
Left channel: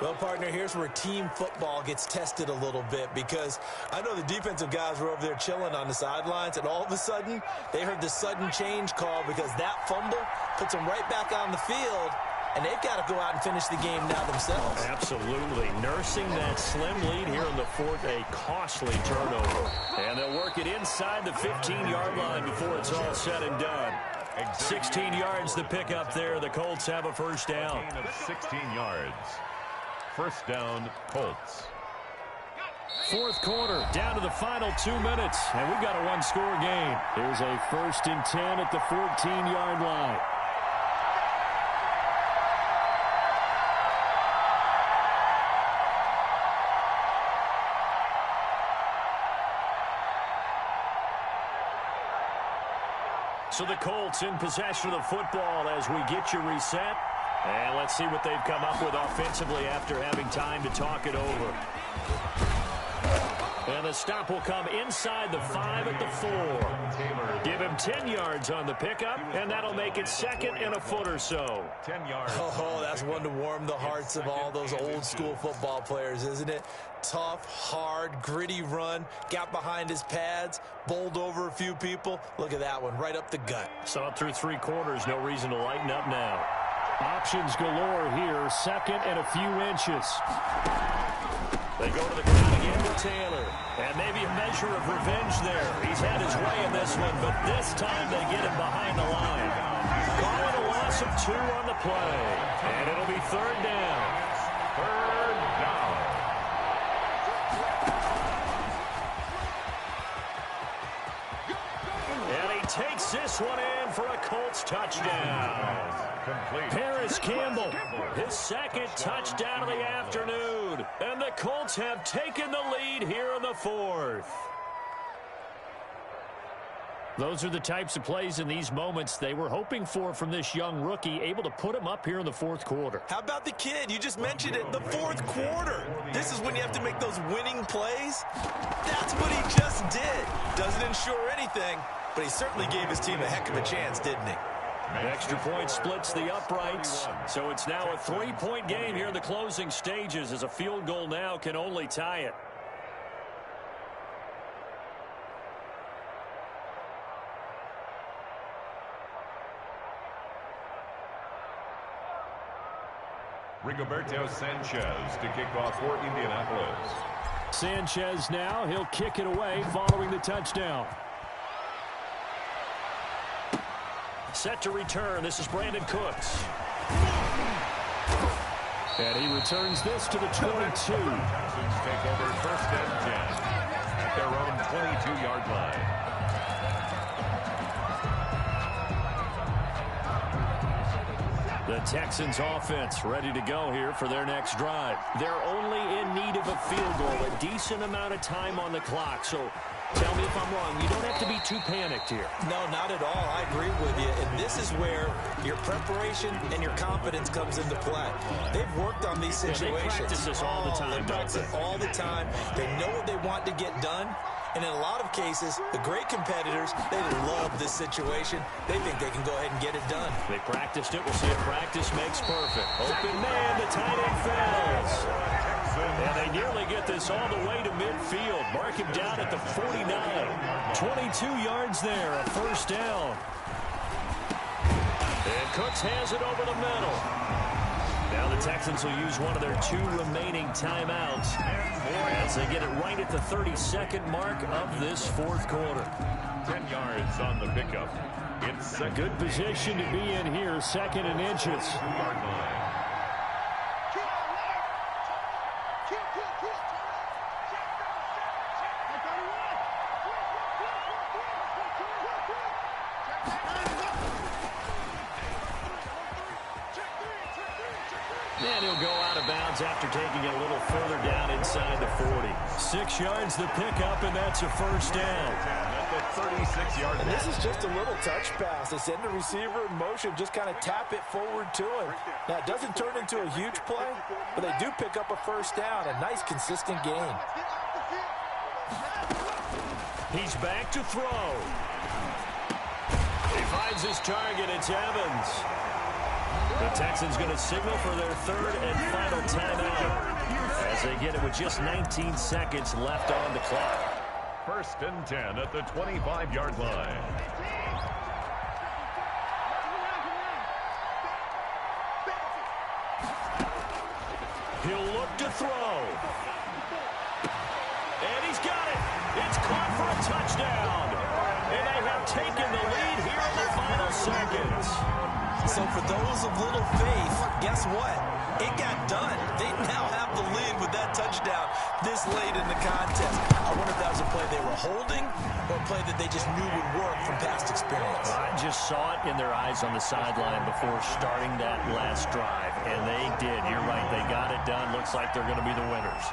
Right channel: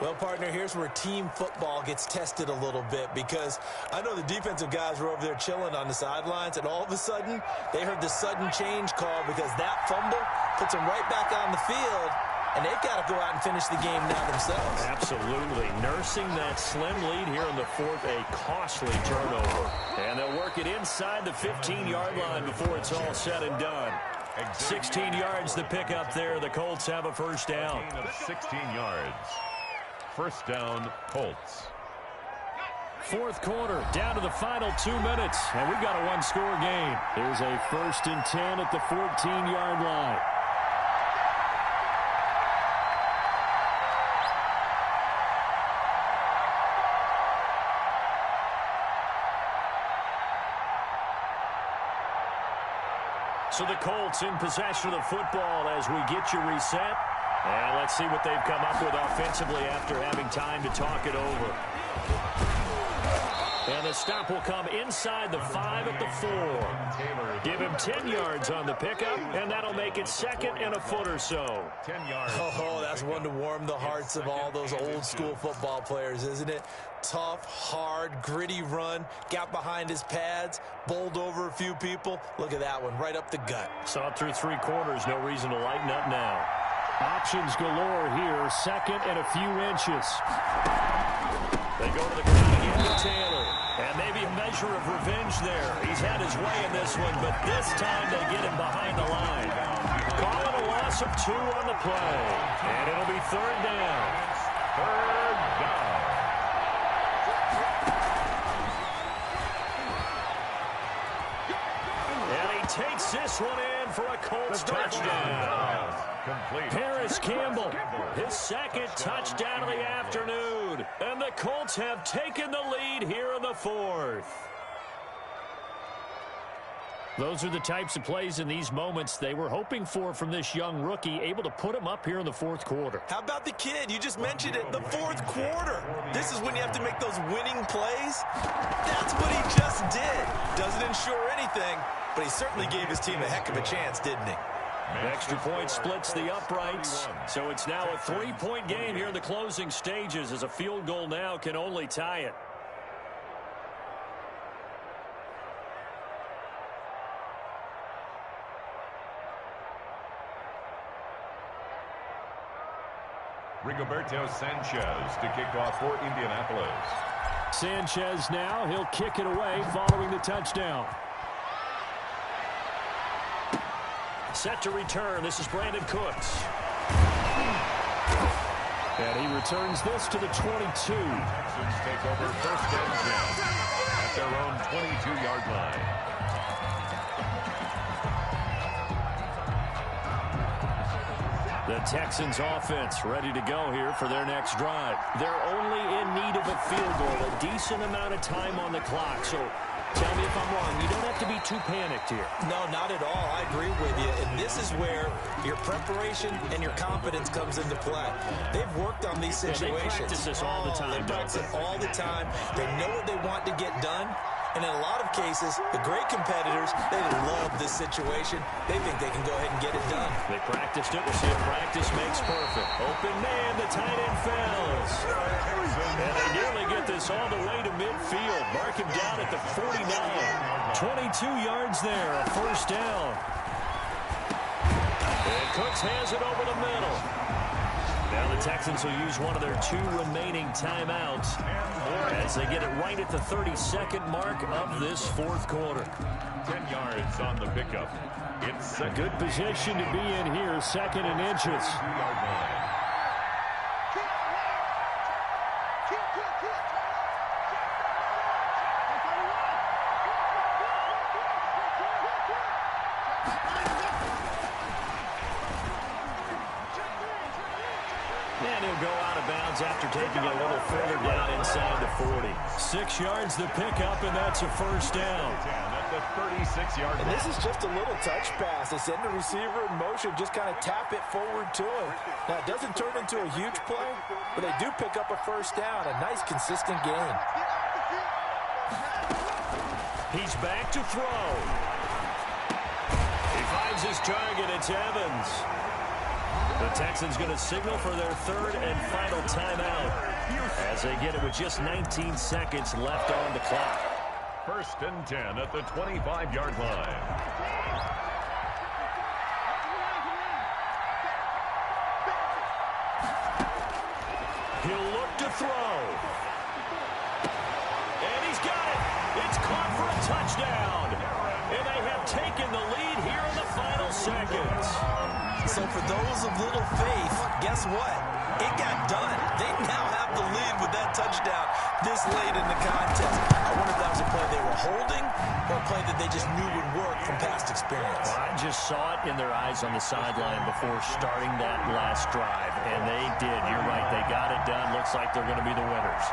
Well, partner, here's where team football gets tested a little bit because I know the defensive guys were over there chilling on the sidelines, and all of a sudden, they heard the sudden change call because that fumble puts them right back on the field, and they've got to go out and finish the game now themselves. Absolutely. Nursing that slim lead here in the 4th, a costly turnover. And they'll work it inside the 15-yard line before it's all said and done. 16 yards to pick up there. The Colts have a first down. A gain of 16 yards. First down, Colts. 4th quarter, down to the final 2 minutes, and we've got a one-score game. Here's a 1st and 10 at the 14-yard line. So the Colts in possession of the football as we get you reset. And let's see what they've come up with offensively after having time to talk it over. And the stop will come inside the 5 at the 4. Give him 10 yards on the pickup, and that'll make it 2nd and a foot or so. 10 yards. Oh, that's one to warm the hearts of all those old-school football players, isn't it? Tough, hard, gritty run. Got behind his pads, bowled over a few people. Look at that one, right up the gut. Saw it through 3 quarters. No reason to lighten up now. Options galore here. 2nd and a few inches. They go to the ground again to Taylor. And maybe a measure of revenge there. He's had his way in this one, but this time they get him behind the line. Call it a loss of 2 on the play. And it'll be 3rd down. 3rd down. And he takes this one in for a Colts touchdown. Complete. Paris Campbell, his 2nd touchdown of the afternoon. And the Colts have taken the lead here in the 4th. Those are the types of plays in these moments they were hoping for from this young rookie, able to put him up here in the 4th quarter. How about the kid? You just mentioned it, the 4th quarter. This is when you have to make those winning plays. That's what he just did. Doesn't ensure anything, but he certainly gave his team a heck of a chance, didn't he? Extra point splits the uprights, so it's now a 3-point game here in the closing stages, as a field goal now can only tie it. Rigoberto Sanchez to kick off for Indianapolis. Sanchez now, he'll kick it away following the touchdown. Set to return, this is Brandon Cooks. And he returns this to the 22. Texans take over 1st and 10 at their own 22-yard line. The Texans offense ready to go here for their next drive. They're only in need of a field goal, a decent amount of time on the clock. So tell me if I'm wrong. You don't have to be too panicked here. No, not at all. I agree with you. And this is where your preparation and your confidence comes into play. They've worked on these situations. They practice this all the time. They practice it all the time. They know what they want to get done. And in a lot of cases, the great competitors, they love this situation. They think they can go ahead and get it done. They practiced it. We'll see if practice makes perfect. Open man, the tight end fails. And they nearly get this all the way to midfield. Mark him down at the 49. 22 yards there, a 1st down. And Cooks has it over the middle. Now the Texans will use one of their 2 remaining timeouts as they get it right at the 32nd mark of this 4th quarter. 10 yards on the pickup. It's a good position to be in here, 2nd and inches. 2-yard line. And he'll go out of bounds after taking it a little further down inside the 40. 6 yards the pickup, and that's a 1st down. At the 36-yard line. And this is just a little touch pass. They send the receiver in motion, just kind of tap it forward to him. Now, it doesn't turn into a huge play, but they do pick up a 1st down, a nice, consistent gain. He's back to throw. He finds his target. It's Evans. The Texans going to signal for their 3rd and final timeout as they get it with just 19 seconds left on the clock. 1st and 10 at the 25-yard line. He'll look to throw. And he's got it. It's caught for a touchdown. And they have taken the lead here in the final seconds. So for those of little faith, guess what? It got done. They now have the lead with that touchdown this late in the contest. I wonder if that was a play they were holding or a play that they just knew would work from past experience. I just saw it in their eyes on the sideline before starting that last drive, and they did. You're right. They got it done. Looks like they're going to be the winners.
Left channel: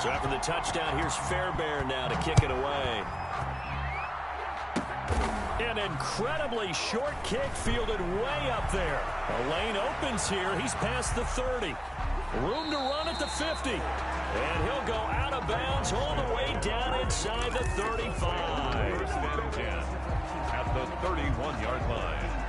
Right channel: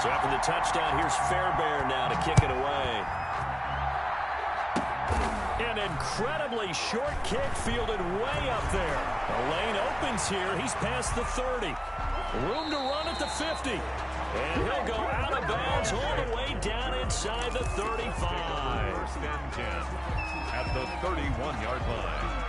So after the touchdown, here's Fairbairn now to kick it away. An incredibly short kick fielded way up there. The lane opens here. He's past the 30. Room to run at the 50. And he'll go out of bounds all the way down inside the 35. First and 10 at the 31-yard line.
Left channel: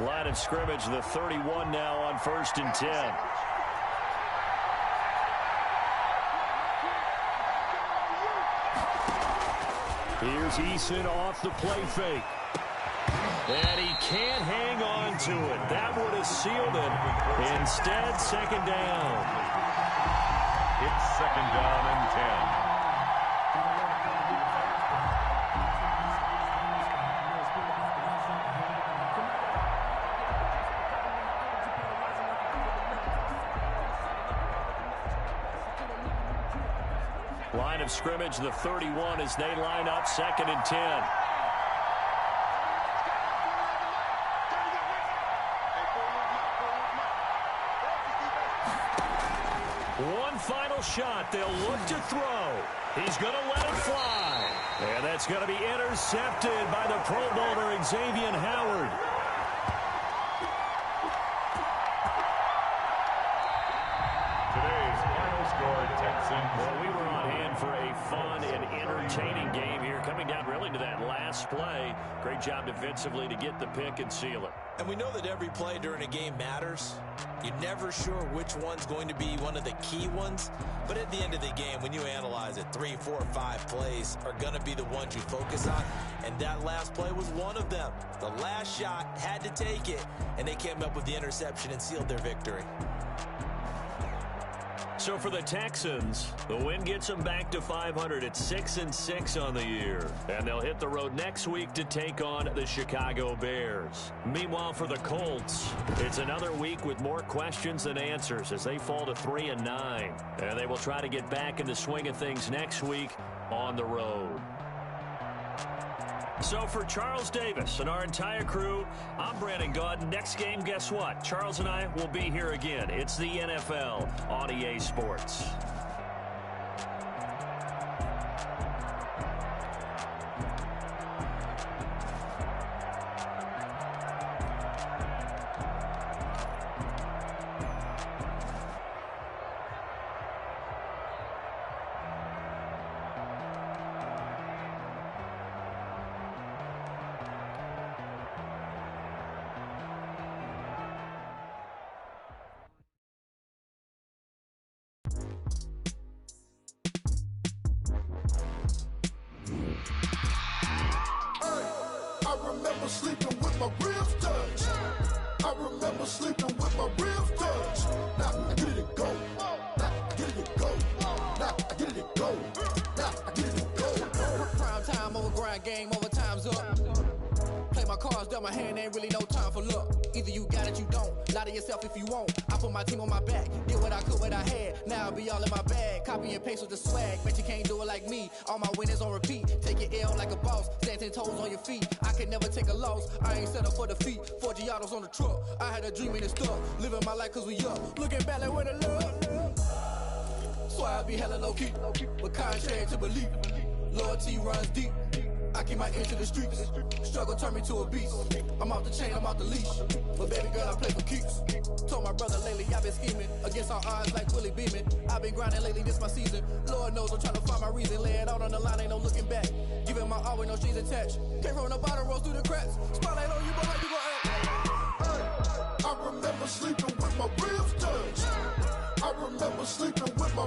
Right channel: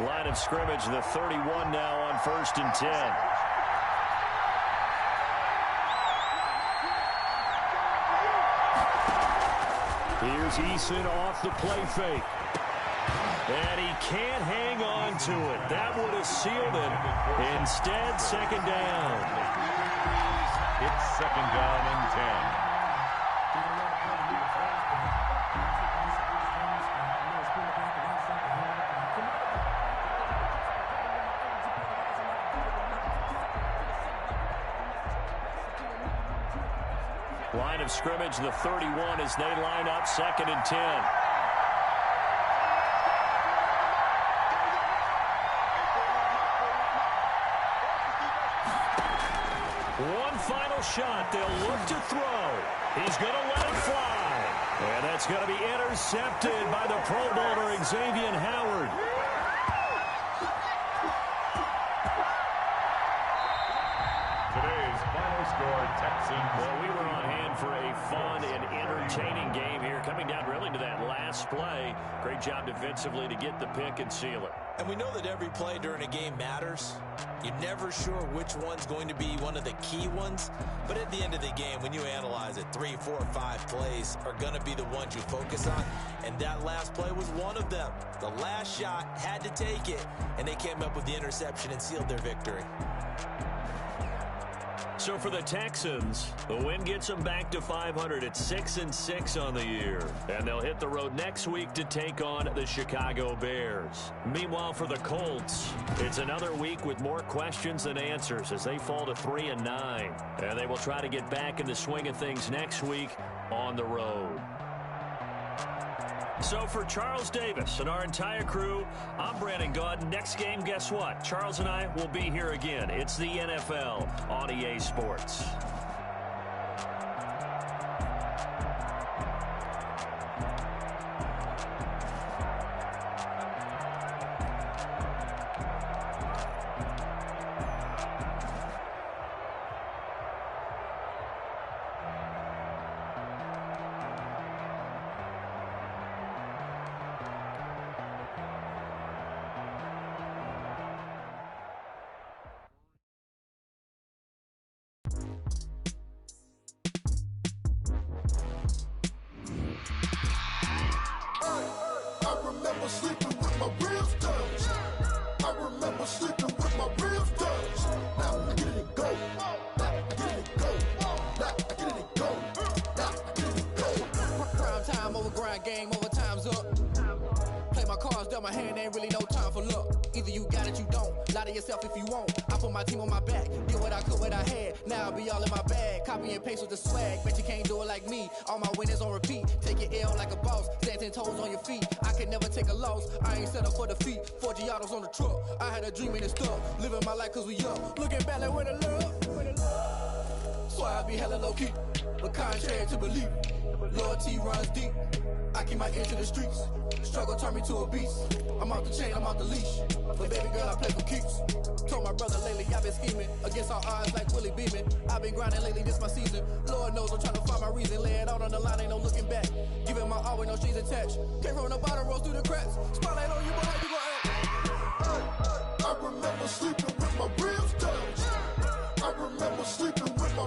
Line of scrimmage, the 31 now on 1st and 10. Here's Eason off the play fake. And he can't hang on to it. That would have sealed it. Instead, second down. It's second down and 10. Line of scrimmage, the 31 as they line up 2nd and 10. One final shot. They'll look to throw. He's going to let it fly. And that's going to be intercepted by the Pro Bowler, Xavier Howard. Today's final score, Texans. Well, we were on hand for a fun and entertaining game here. Coming down really to that last play. Great job defensively to get the pick and seal it. And we know that every play during a game matters. You're never sure which one's going to be one of the key ones. But at the end of the game, when you analyze it, 3, 4, 5 plays are going to be the ones you focus on. And that last play was one of them. The last shot had to take it, and they came up with the interception and sealed their victory. So for the Texans, the win gets them back to 500 at 6-6 on the year. And they'll hit the road next week to take on the Chicago Bears. Meanwhile, for the Colts, it's another week with more questions than answers as they fall to 3-9. And they will try to get back in the swing of things next week on the road. So for Charles Davis and our entire crew, I'm Brandon Gaudin. Next game, guess what? Charles and I will be here again. It's the NFL on EA Sports. Game over, time's up. Play my cards dealt my hand, ain't really no time for luck. Either you got it, you don't. Lie to yourself if you won't. I put my team on my back, did what I could, what I had. Now I'll be all in my bag. Copy and paste with the swag. Bet you can't do it like me. All my winners on repeat. Take your L like a boss. Stand 10 toes on your feet. I can never take a loss. I ain't set up for defeat. 4 Giottos on the truck. I had a dream and it's stuck. Living my life cause we up. Looking back like where the love. So I be hella low key. But contrary to belief, loyalty runs deep. I keep my ear to the streets. Struggle turned me to a beast. I'm off the chain, I'm off the leash. But baby girl, I play for keeps. Told my brother lately I've been scheming against all odds like Willie Beeman. I've been grinding lately, this my season. Lord knows I'm trying to find my reason. Lay it out on the line, ain't no looking back. Giving my all with no strings attached. Came from the bottom, rose through the cracks. Spotlight on you, but how you gon' act? I remember sleeping